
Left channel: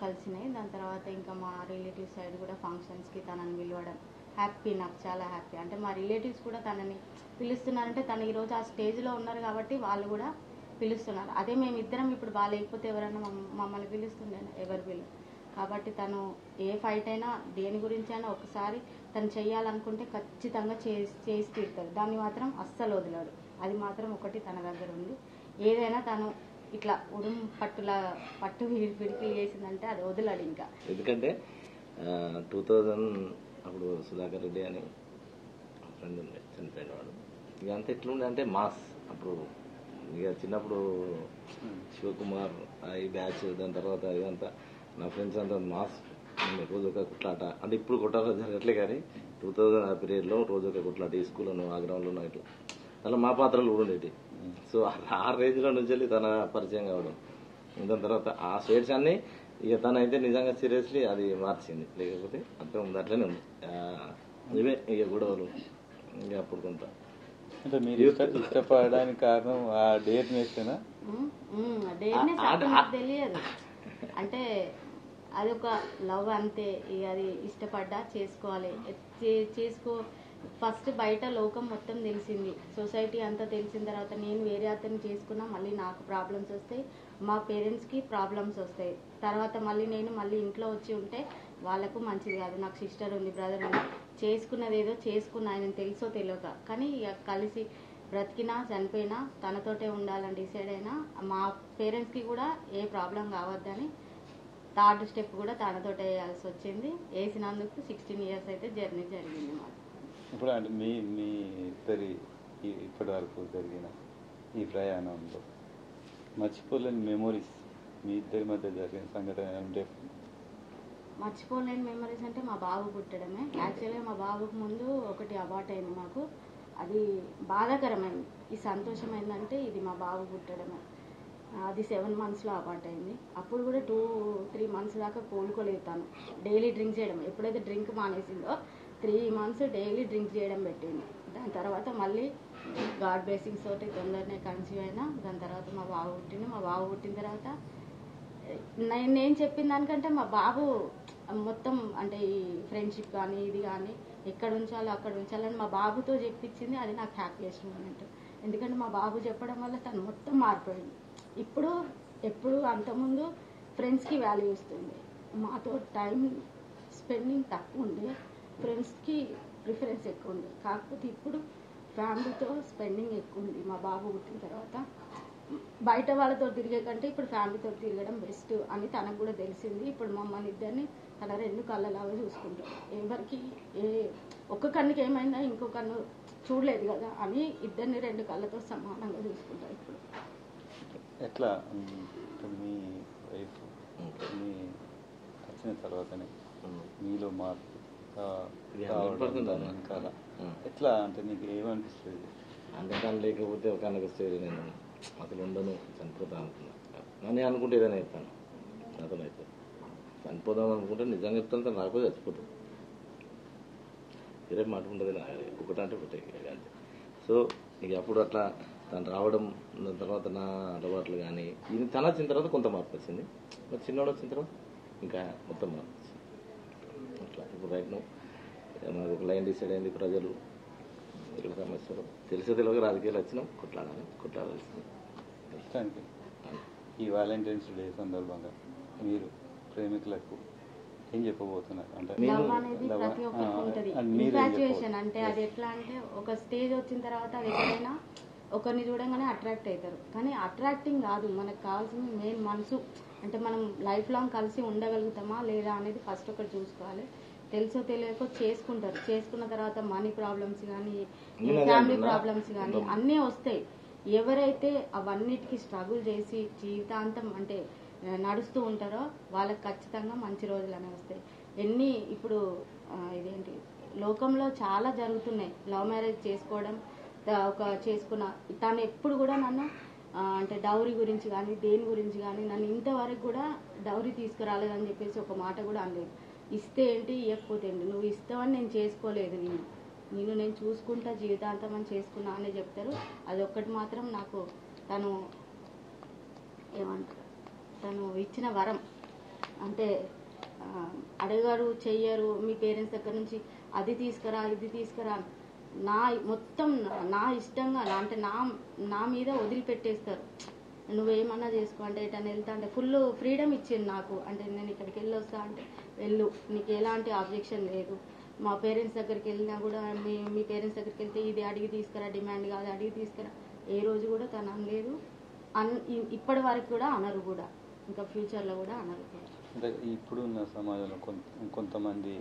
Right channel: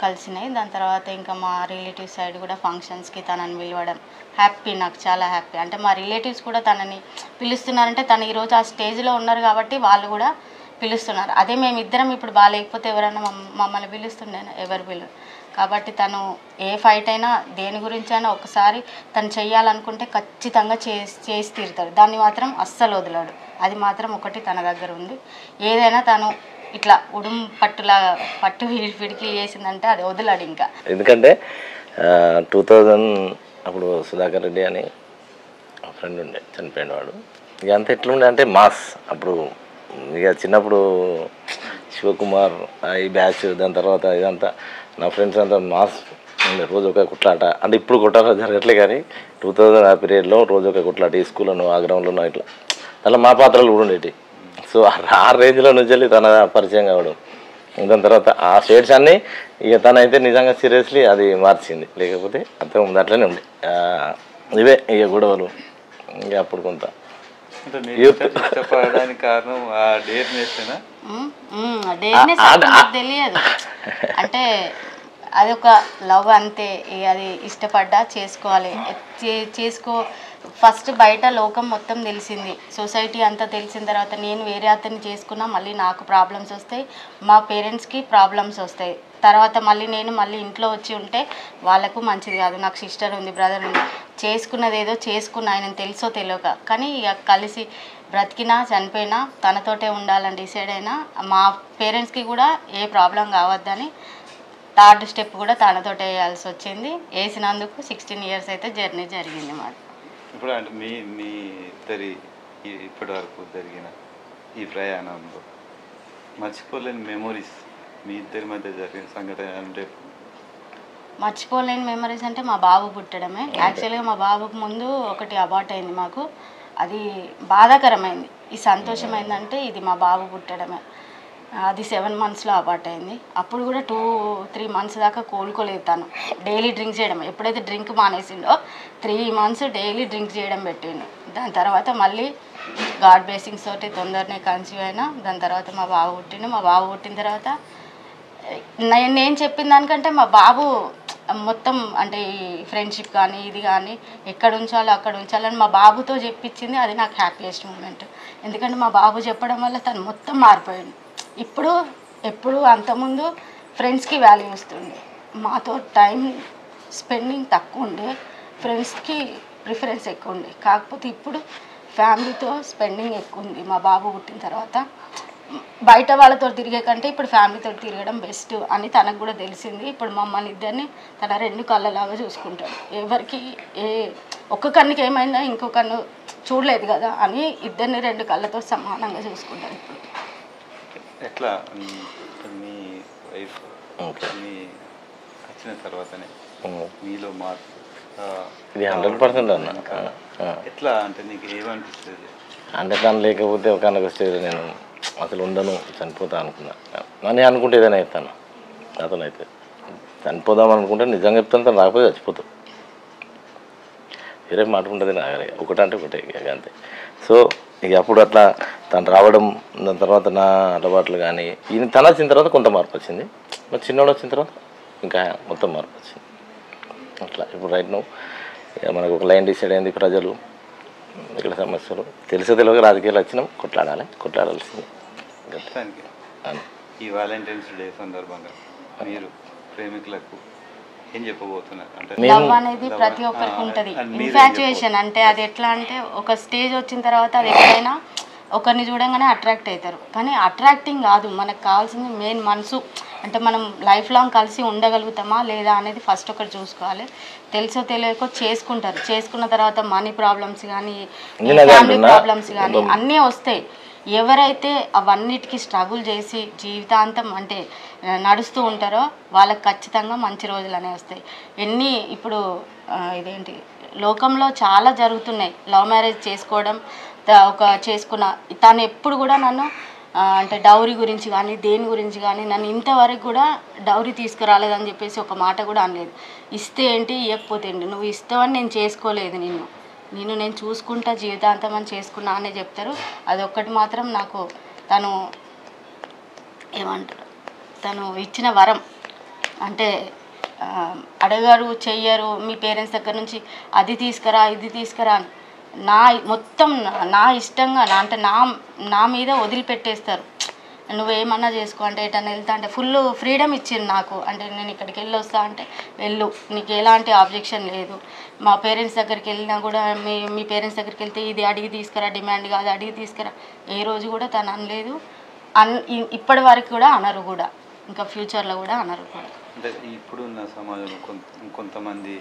కలిసినాయి. దాని తర్వాత ఇంకా మా రిలేటివ్స్ సైడ్ కూడా ఫంక్షన్స్కి తనని పిలవడం హ్యాపీ, నాకు చాలా హ్యాపీ. అంటే మా రిలేటివ్స్ కూడా తనని పిలుస్తున్నారంటే తను ఈరోజు ఆ స్టేజ్లో ఉన్నారు కాబట్టి వాళ్ళు కూడా పిలుస్తున్నారు. అదే మేమిద్దరం ఇప్పుడు బాగాలేకపోతే ఎవరైనా మమ్మల్ని పిలుస్తుండే, ఎవరు పిలు. కాబట్టి తను ఏ ఫైట్ అయినా దేని గురించి అయినా ఒకసారి తను చెయ్యాలనుకుంటే ఖచ్చితంగా చేసి తీరుతాడు. దాన్ని మాత్రం అస్సలు వదలడు. అది మాత్రం ఒకటి తన దగ్గర ఉంది. ఏదైనా తను ఇట్లా పట్టు పిడికి చేసిందంటే అది వదలడు ఇంకా. ఎందుకంటే 2000 అప్పుడు సుధాకర్ రెడ్డి అని ఫ్రెండ్ ఉండే, చనిపోయిన వాడు. ఇక అంతా ఎట్లుండే అంటే మాస్. అప్పుడు ఇక చిన్నప్పుడు శివకుమార్ ఈ బ్యాచ్, దాని తర్వాత ఇదంతా నా ఫ్రెండ్స్ అంతా మాస్ ఉండే. రోజు ఒక కుట్లాట, అంటే ఇప్పుడు కుట్లాట జరగట్లే కానీ 2000 ఆ పీరియడ్లో రోజు ఒక కుట్లాట. ఈ స్కూల్లోనూ ఆ గ్రౌండ్లోనూ ఇట్లా అలా మా పాత్రలు కూడా ఉండేవి. సో ఆ రేంజ్లో నుంచి వెళ్ళి తన పరిచయం కావడం. దాని తర్వాత ఆ షేడ్స్ అన్నీ ఇక తనైతే నిజంగా సీరియస్లీ అది మార్చింది. లేకపోతే అంతకు ముందు అట్లనే ఉంది. ఇవే ఇక గొడవలు ఇక అప్పుడు కొంత ఇష్టపడడానికి కారణం ఆ డేర్నెస్నా? తెలియదు అంటే అదొక లవ్ అంతే. అది ఇష్టపడ్డా చేసుకోవాలి, ఫస్ట్ బయట లోకం మొత్తం తెలిసింది, సొసైటీ అంతా తెలిసిన తర్వాత నేను వేరే అతన్ని చేసుకున్నా మళ్ళీ నాకు ప్రాబ్లమ్స్ వస్తాయి, మా పేరెంట్స్కి ప్రాబ్లమ్స్ వస్తాయి. తర్వాత నేను మళ్ళీ ఇంట్లో వచ్చి ఉంటే వాళ్ళకు మంచిది కాదు. నాకు సిస్టర్ ఉంది, బ్రదర్ ఉంది, చేసుకున్నది ఏదో చేసుకున్నా, ఆయన తెలుసో తెలియక, కానీ ఇక కలిసి బ్రతికినా చనిపోయినా తనతోటే ఉండాలని డిసైడ్ అయినా. మా పేరెంట్స్కి కూడా ఏ ప్రాబ్లం కావద్దని 3rd స్టెప్ కూడా తనతోటే వేయాల్సి వచ్చింది. వేసినందుకు 16 years అయితే జర్నీ జరిగింది మాది. ఇప్పుడు అంటే మీ ఇద్దరి ఇప్పటి వరకు జరిగిన ఈ ప్రయాణంలో మర్చిపోలేని మెమోరీస్ మీ ఇద్దరి మధ్య జరిగిన సంఘటన అంటే? మర్చిపోలేని మెమరీస్ అంటే మా బాబు పుట్టడమే. యాక్చువల్గా మా బాబుకు ముందు ఒకటి అబార్ట్ అయింది మాకు, అది బాధాకరమైంది. ఈ సంతోషమైందంటే ఇది మా బాబు పుట్టడమే. అది 7 monthsలో అబార్ట్ అయింది. అప్పుడు కూడా 2-3 months దాకా కోలుకోలేదు. తను డైలీ డ్రింక్ చేయడం, ఎప్పుడైతే డ్రింక్ మానేసిండో 3 months డైలీ డ్రింక్ చేయడం పెట్టిండు. దాని తర్వాత మళ్ళీ గాడ్ బ్లెస్సింగ్స్ తోటి తొందరనే కన్సీవ్ అయినా. దాని తర్వాత మా బాబు పుట్టిండు. మా బాబు పుట్టిన తర్వాత నేను చెప్పిన దానికంటే మా బాబు మొత్తం అంటే ఈ ఫ్రెండ్షిప్ కానీ ఇది కానీ ఎక్కడ ఉంచాలో అక్కడ ఉంచాలని మా బాబుతో చెప్పించింది. అది నాకు హ్యాపీయెస్ట్ మూమెంట్. ఎందుకంటే మా బాబు చెప్పడం వల్ల తను మొత్తం మారిపోయాడు. ఎప్పుడు అంతకుముందు ఫ్రెండ్స్కి వాల్యూ ఇస్తుండే, మాతో టైం స్పెండింగ్ తక్కువ ఉండే, ఫ్రెండ్స్కి ప్రిఫరెన్స్ ఎక్కువ ఉండే. కాకపోతే ఇప్పుడు ఫ్యామిలీతో స్పెండింగ్ ఎక్కువ ఉంది. మా బాబు పుట్టిన తర్వాత బయట వాళ్ళతో తిరిగే కంటే ఇప్పుడు ఫ్యామిలీతో తిరగడం బెస్ట్ అని తనకు కూడా తెలిసింది. ఇప్పుడు మమ్మల్ని ఇద్దరిని తన 2 కళ్ళలాగా చూసుకుంటాడు. ఎవరికి ఒక్క కన్నుకి ఏమైనా ఇంకో కన్ను చూడలేదు కదా అని ఇద్దరిని 2 కళ్ళతో సమానంగా చూసుకుంటాడు. ఇప్పుడు ఎట్లా మీ వైఫ్ మీ వచ్చిన తర్వాతనే మీలో మార్పు ఇది 100% అన్న. ఎట్లా అంటే నీకు ఏమనిపిస్తుంది? అంటే తను లేకపోతే ఒక స్టేజ్ నేను అసలు ఉండను, చనిపోతా అనుకున్నా. నేను అనుకుంటే ఏదైనా చెప్తాను, అతను అయితే చనిపోదాం అనుకుంటే నిజంగా చెప్తాను, తను రాకపోతే చచ్చిపోతాం. వేరే మాట ఉంటుంది నా దగ్గర, ఒకటంటే ఒకటే అంతే. సో ఇక అప్పుడు అట్లా తను రావడం, దాని తర్వాత నా అలవాట్లు కానీ ఈయన తన వచ్చిన తర్వాత కొంత మార్పు వచ్చింది. మరి చిన్నోడు వచ్చిన తర్వాత ఇంకా మొత్తం మార్పు వచ్చింది. అట్లా ఇప్పుడు రైట్ నో మనకు ఒక లైన్ డిసైడ్ అయింది. ప్రజలు ఇక్కడ సమస్యలు తెలియక రాజకీయాలు వచ్చినాం, కొట్లాడాల్సింది. ఈ వాలంటైన్స్ డే సందర్భంగా మీరు ప్రేమికులకు ఏం చెప్పబోతున్నారు? అంటే లవ్ అనేది ప్రతి ఒక్కరికి ఉంటుంది. ఇన్ఫాచ్యుయేషన్ అంటే అది ఎట్లా అంటే ఒక స్టేజ్ వచ్చిన తర్వాత అది ఎక్కడైనా ఒకరిని చూడంగానే అట్రాక్ట్ అవుతారు. కానీ అట్రాక్టింగ్ కాదు, మనకు కావాల్సింది మెయిన్ మనసు. అంటే మనం లైఫ్ లాంగ్ కలిసి ఉండగలుగుతామా లేదా అనేది ఫస్ట్ ఒకటి చూసుకోవాలి. తెలుసో తెలియకో చేసుకుంటారు. చేసుకున్న తర్వాత మనీ ప్రాబ్లమ్స్ కానీ ఫ్యామిలీ ప్రాబ్లమ్స్ కానీ అన్నీ వస్తాయి. ఎవరైతే అవన్నిటికీ స్ట్రగుల్ చేసి జీవితాంతం అంటే నడుస్తూ ఉంటారో వాళ్ళకి ఖచ్చితంగా మంచి రోజులు అనేవి వస్తాయి. ఇప్పుడు ఇదేంటి లోకంలో చాలా జరుగుతున్నాయి. లవ్ మ్యారేజ్ చేసుకోవడం, చేసుకున్న తను ఎప్పుడు కూడా నన్ను అంటే డౌరీ గురించి కానీ దేని గురించి కానీ నన్ను ఇంతవరకు కూడా డౌరీ తీసుకురాలేదని చెప్పేసి ఒక మాట కూడా అనలేదు. ఇస్తే ఏంటి ఇవ్వకపోతే ఏంటి, నువ్వు ఇస్తావని నేను చేసుకోలేదు, నేను చూసుకుంటా జీవితాంతం అని చేసుకున్నా అనే చెప్తారు. అదొక్కటి మాత్రం నాకు తను ఏమంటారు, తను ఇచ్చిన వరం. అంటే అడగారు చెయ్యరు మీ పేరెంట్స్ దగ్గర నుంచి అది తీసుకురా ఇది తీసుకురా మొత్తం నా ఇష్టంగా అంటే నా మీద వదిలిపెట్టేస్తారు. నువ్వేమన్నా చేసుకో అంటే ఎటన్నా వెళ్తా అంటే ఫుల్ ఫ్రీడమ్ ఇచ్చింది నాకు. అంటే నేను ఇక్కడికి వెళ్ళి వస్తా అంటే వెళ్ళు, నీకు ఎలాంటి ఆబ్జెక్షన్ లేదు. మా పేరెంట్స్ దగ్గరికి వెళ్ళినా కూడా మీ పేరెంట్స్ దగ్గరికి వెళ్తే ఇది అడిగి తీసుకురా, డిమాండ్ కాదు అడిగి తీసుకురా, ఏ రోజు కూడా తను అనలేదు. ఇప్పటి వరకు కూడా అనరు కూడా, ఇంకా ఫ్యూచర్లో కూడా అనరు కూడా. అంటే ఇప్పుడున్న సమాజంలో కొంతమంది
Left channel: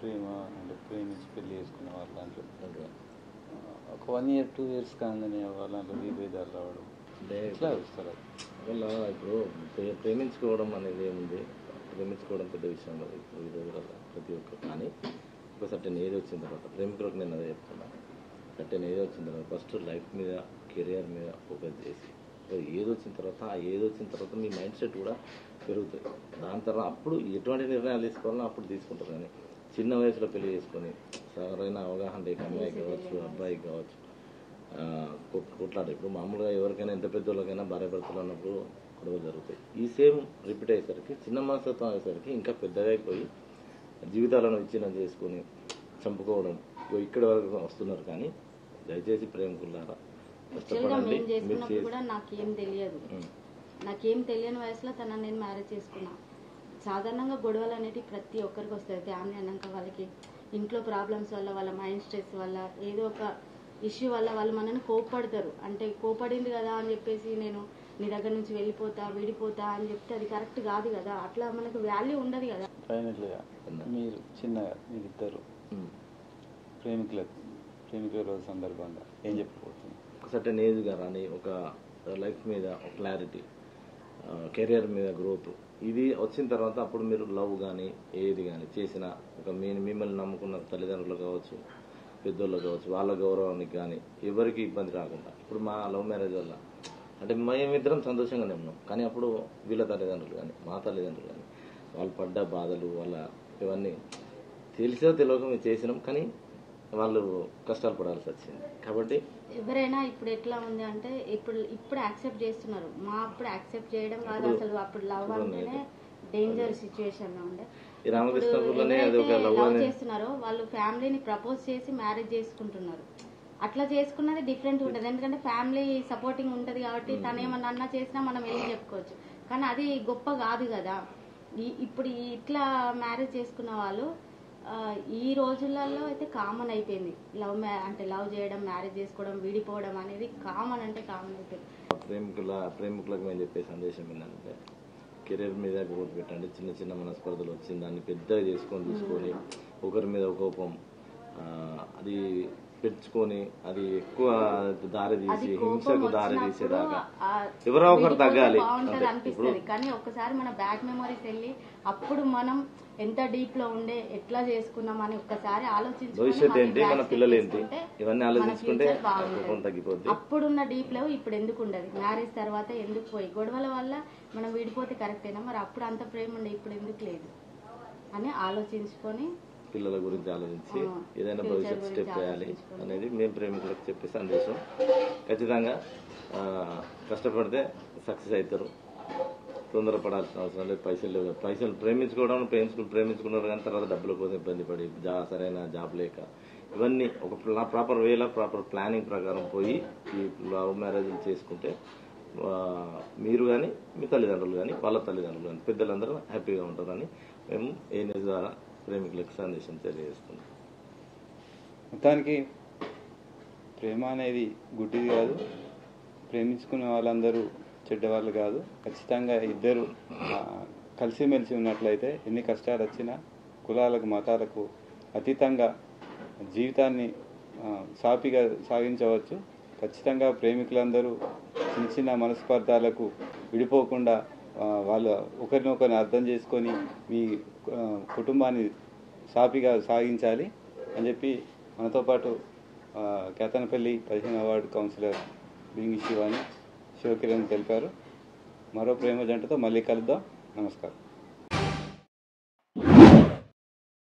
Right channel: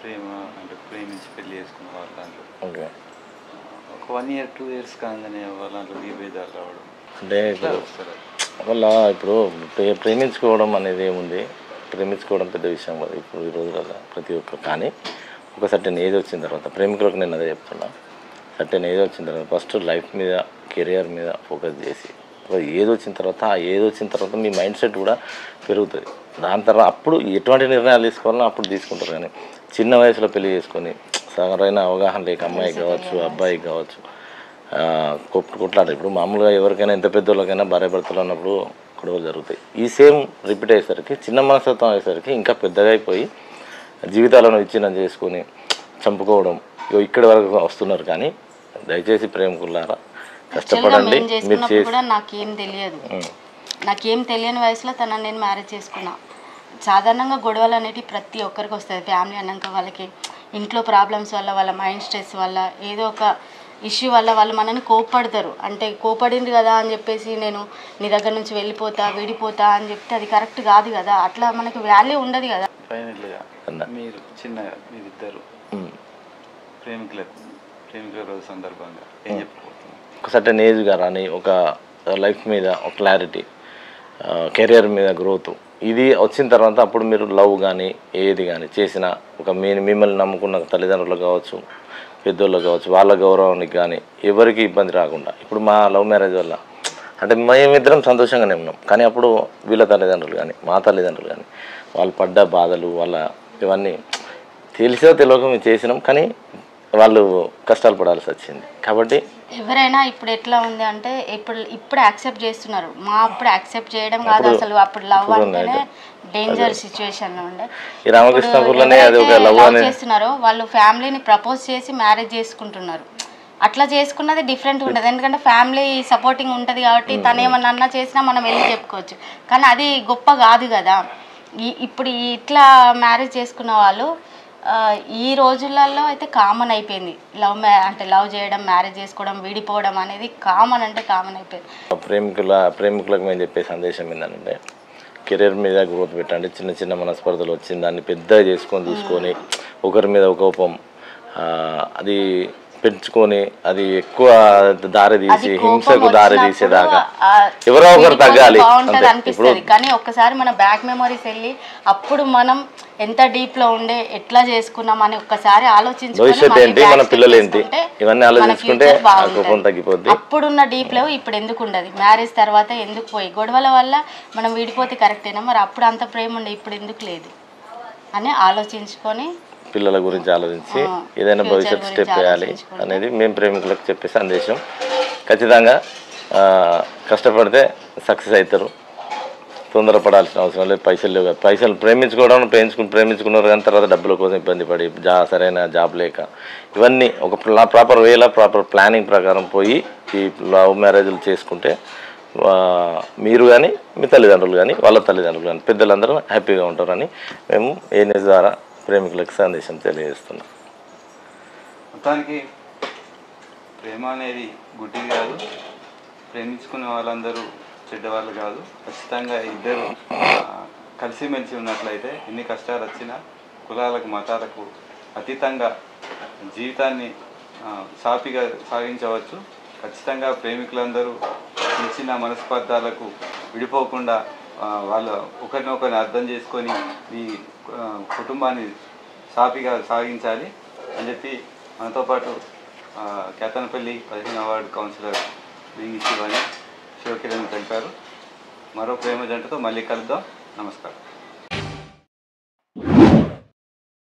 ప్రేమించి పెళ్లి చేసుకున్న వాళ్ళ దాంట్లో ఒక 1 year 2 years కాగానే వాళ్ళ విభేదాలు రావడం అంటే వల్ల ఇప్పుడు ప్రేమించుకోవడం అనేది ఏముంది, ప్రేమించుకోవడం పెద్ద విషయం కదా ఇప్పుడు ఈ రోజులలో ప్రతి ఒక్కరు. కానీ ఒక సర్టెన్ ఏజ్ వచ్చిన తర్వాత ప్రేమికులకు నేను అదే చెప్తున్నా, సర్టెన్ ఏజ్ వచ్చిన తర్వాత ఫస్ట్ లైఫ్ మీద కెరియర్ మీద ఫోకస్ చేసి ఏజ్ వచ్చిన తర్వాత ఆ ఏజ్ వచ్చిన తర్వాత మీ మైండ్ సెట్ కూడా పెరుగుతుంది. దాని తర్వాత అప్పుడు ఎటువంటి నిర్ణయాలు తీసుకోవాలన్నా అప్పుడు తీసుకుంటారు. కానీ చిన్న వయసులో పెళ్లి చేసుకొని సరైన అవగాహన లేక అమ్మాయికి కావచ్చు అబ్బాయికి కావచ్చు కొట్లాడారు. ఇప్పుడు మామూలుగా ఎవరికైనా ఎంత పెద్దోళ్ళకైనా భార్య భర్తలు అన్నప్పుడు గొడవలు జరుగుతాయి. ఈ సేమ్ రిపీట్ అయ్యేసరికి చిన్న మనస్తత్వం అయ్యేసరికి ఇంకా పెద్దగా అయిపోయి జీవితాలను విచ్ఛిన్నం చేసుకొని చంపుకోవడం ఇక్కడి వరకు వస్తున్నారు. కానీ దయచేసి ప్రేమికులారా కష్టపడండి. మీరు చేసి నాకేం తెలియని వయసులో తనని నేను మ్యారేజ్ చేసుకున్నా. సాధారణంగా గొడవలు అనేవి ప్రతి ఒక్కరికి వస్తుంది. ఫ్యామిలీ అన్నాక వాళ్ళకి ఇంట్లో ప్రాబ్లమ్స్ వల్ల, వాళ్ళ మైండ్ స్ట్రెస్ వల్ల, ఏదో ఒక ఇష్యూ వల్ల వాళ్ళు మనని కోప్పడతారు. అంటే కోపడింది కదా అని చెప్పేసి నేను నీ దగ్గర నుంచి వెళ్ళిపోతా విడిపోతా అని చెప్తే అది కరెక్ట్ కాదు కదా. అట్లా మనకు వాల్యూ ఉండదు కదా. ఫైనల్గా మీరు చిన్నగా మీరిద్దరు ప్రేమికుల రోజు సందర్భంగా ఏం చెప్పబోతున్నారు? ఒక సర్టెన్ ఏజ్గా రాని ఒక లైఫ్ మీద ఒక క్లారిటీ, కెరియర్ మీద గ్రోత్ ఇది వచ్చిన తర్వాత అప్పుడు మీరు లవ్ కానీ ఏది కానీ చేసిన ఒక మిమ్మల్ని నమ్ముకున్న తల్లిదండ్రులు కావచ్చు పెద్దోళ్ళు కావచ్చు వాళ్ళ గౌరవానికి కానీ ఎవరికి ఇబ్బంది రాకుండా. ఇప్పుడు మా లవ్ మ్యారేజ్ వల్ల అంటే మేమిద్దరం సంతోషంగానే ఉన్నాం. కానీ అప్పుడు వీళ్ళ తల్లిదండ్రులు కానీ మా తల్లిదండ్రులు కానీ వాళ్ళు పడ్డ బాధలు వాళ్ళ ఇవన్నీ తెలిసో తెలియక మేము చేసినాం. కానీ వాళ్ళు కష్టాలు పడాల్సి వచ్చింది. కాబట్టి ఎవరైనా ఇప్పుడు ఎట్లా ఉంది అంటే ఇప్పుడు యాక్సెప్ట్ చేస్తున్నారు. మా అప్పుడు యాక్సెప్ట్ చేయడం కాదు, అసలు అప్పుడు లవ్ అంటేనే డేంజర్ సిచ్యువేషన్లో ఉండే. లవ్ చేస్తున్నారో వాళ్ళు ఫ్యామిలీని ప్రపోజ్ చేసి మ్యారేజ్ చేసుకుంటున్నారు. అట్లా చేసుకున్నది డిఫరెంట్ ఉంటుంది. ఎందుకంటే ఫ్యామిలీ సపోర్టింగ్ ఉంటుంది కాబట్టి తను ఏమన్నా అన్నా చేసినా మనం వెళ్ళి చెప్పుకోవచ్చు. కానీ అది గొప్ప కాదు కదా. ఇప్పుడు ఇట్లా మ్యారేజ్ చేసుకున్న వాళ్ళు ఈ రోజులలో అయితే కామన్ అయిపోయింది. లవ్ చేయడం, మ్యారేజ్ చేసుకోవడం, విడిపోవడం అనేది కామన్ అంటే కామన్ అయిపోయింది. ప్రేమికులకు మేము చెప్పే సందేశం ఏంటంటే కెరీర్ మీద గ్రోత్ పెట్టండి. చిన్న చిన్న మనస్పర్ధలు వచ్చింది దాన్ని పెద్దగా చేసుకొని చూసుకొని ఒకరి మీద కోపం అది పెంచుకొని అది ఎక్కువ దారి తీసి హింసకు దారి తీసేదాకా ఎవరో ఒకరు తగ్గాలి అనిపిస్తుంది. కానీ ఒక్కసారి మన బ్యాక్ మెమరీస్ వెళ్ళి అప్పుడు మనం ఎంత డీప్ లో ఉండే ఎట్లా చేసుకున్నాం అని ఒక్కసారి భవిష్యత్తు ఏంటి, మన పిల్లలు ఏంటి, ఇవన్నీ ఆలోచించుకుంటే కోపం తగ్గిపోద్ది. అప్పుడున్న డీప్ లో ఇప్పుడు ఎందుకు ఉండదు, మ్యారేజ్ తర్వాత ఎందుకు పోయి గొడవల వల్ల మనం విడిపోతే కరెక్టేనా, మరి అప్పుడు అంత ప్రేమ ఉండే ఇప్పుడు ఎందుకు లేదు అని ఆలోచించుకొని పిల్లల గురించి ఆలోచించి ఏదైనా భవిష్యత్తు స్టెప్ వేయాలి అనేది మేము ప్రేమికులకు చెప్పే సందేశం. ఖచ్చితంగా కష్టపడితే సక్సెస్ అవుతారు. తొందరపడాల్సిన అవసరం లేదు. పైసలు లేవు, పైసలు ప్రేమించుకున్నారు కానీ తర్వాత డబ్బుల కోసం ఇబ్బంది పడి సరైన జాబ్ లేక ఇవన్నీ ఒక ప్రాపర్ వేలో ప్రాపర్ ప్లానింగ్ ప్రకారం పోయి ఈ లవ్ మ్యారేజ్లు చేసుకుంటే మీరు కానీ మీ తల్లిదండ్రులు కానీ వాళ్ళ తల్లిదండ్రులు కానీ పెద్దలందరూ హ్యాపీగా ఉంటారని మేము ఏఎన్ఎస్ ద్వారా ప్రేమికులకు సందేశం తెలియజేస్తున్నాం. మొత్తానికి ప్రేమ అనేది గుడ్డిది కాదు, ప్రేమించుకున్న వాళ్ళందరూ చెడ్డవాళ్ళు కాదు. ఖచ్చితంగా ఇద్దరు కలిసిమెలిసి ఉన్నట్లయితే ఎన్ని కష్టాలు వచ్చినా కులాలకు మతాలకు అతీతంగా జీవితాన్ని సాఫీగా సాగించవచ్చు. ఖచ్చితంగా ప్రేమికులందరూ చిన్న చిన్న మనస్పర్ధాలకు విడిపోకుండా వాళ్ళ ఒకరినొకరిని అర్థం చేసుకొని ఈ కుటుంబాన్ని సాఫీగా సాగించాలి అని చెప్పి మనతో పాటు కేతనపల్లి 15వ వార్డు కౌన్సిలర్ బింగి శివాని శివకిరణ్ తెలిపారు. మరో ప్రేమ జంటతో మళ్ళీ కలుద్దాం. నమస్కారం.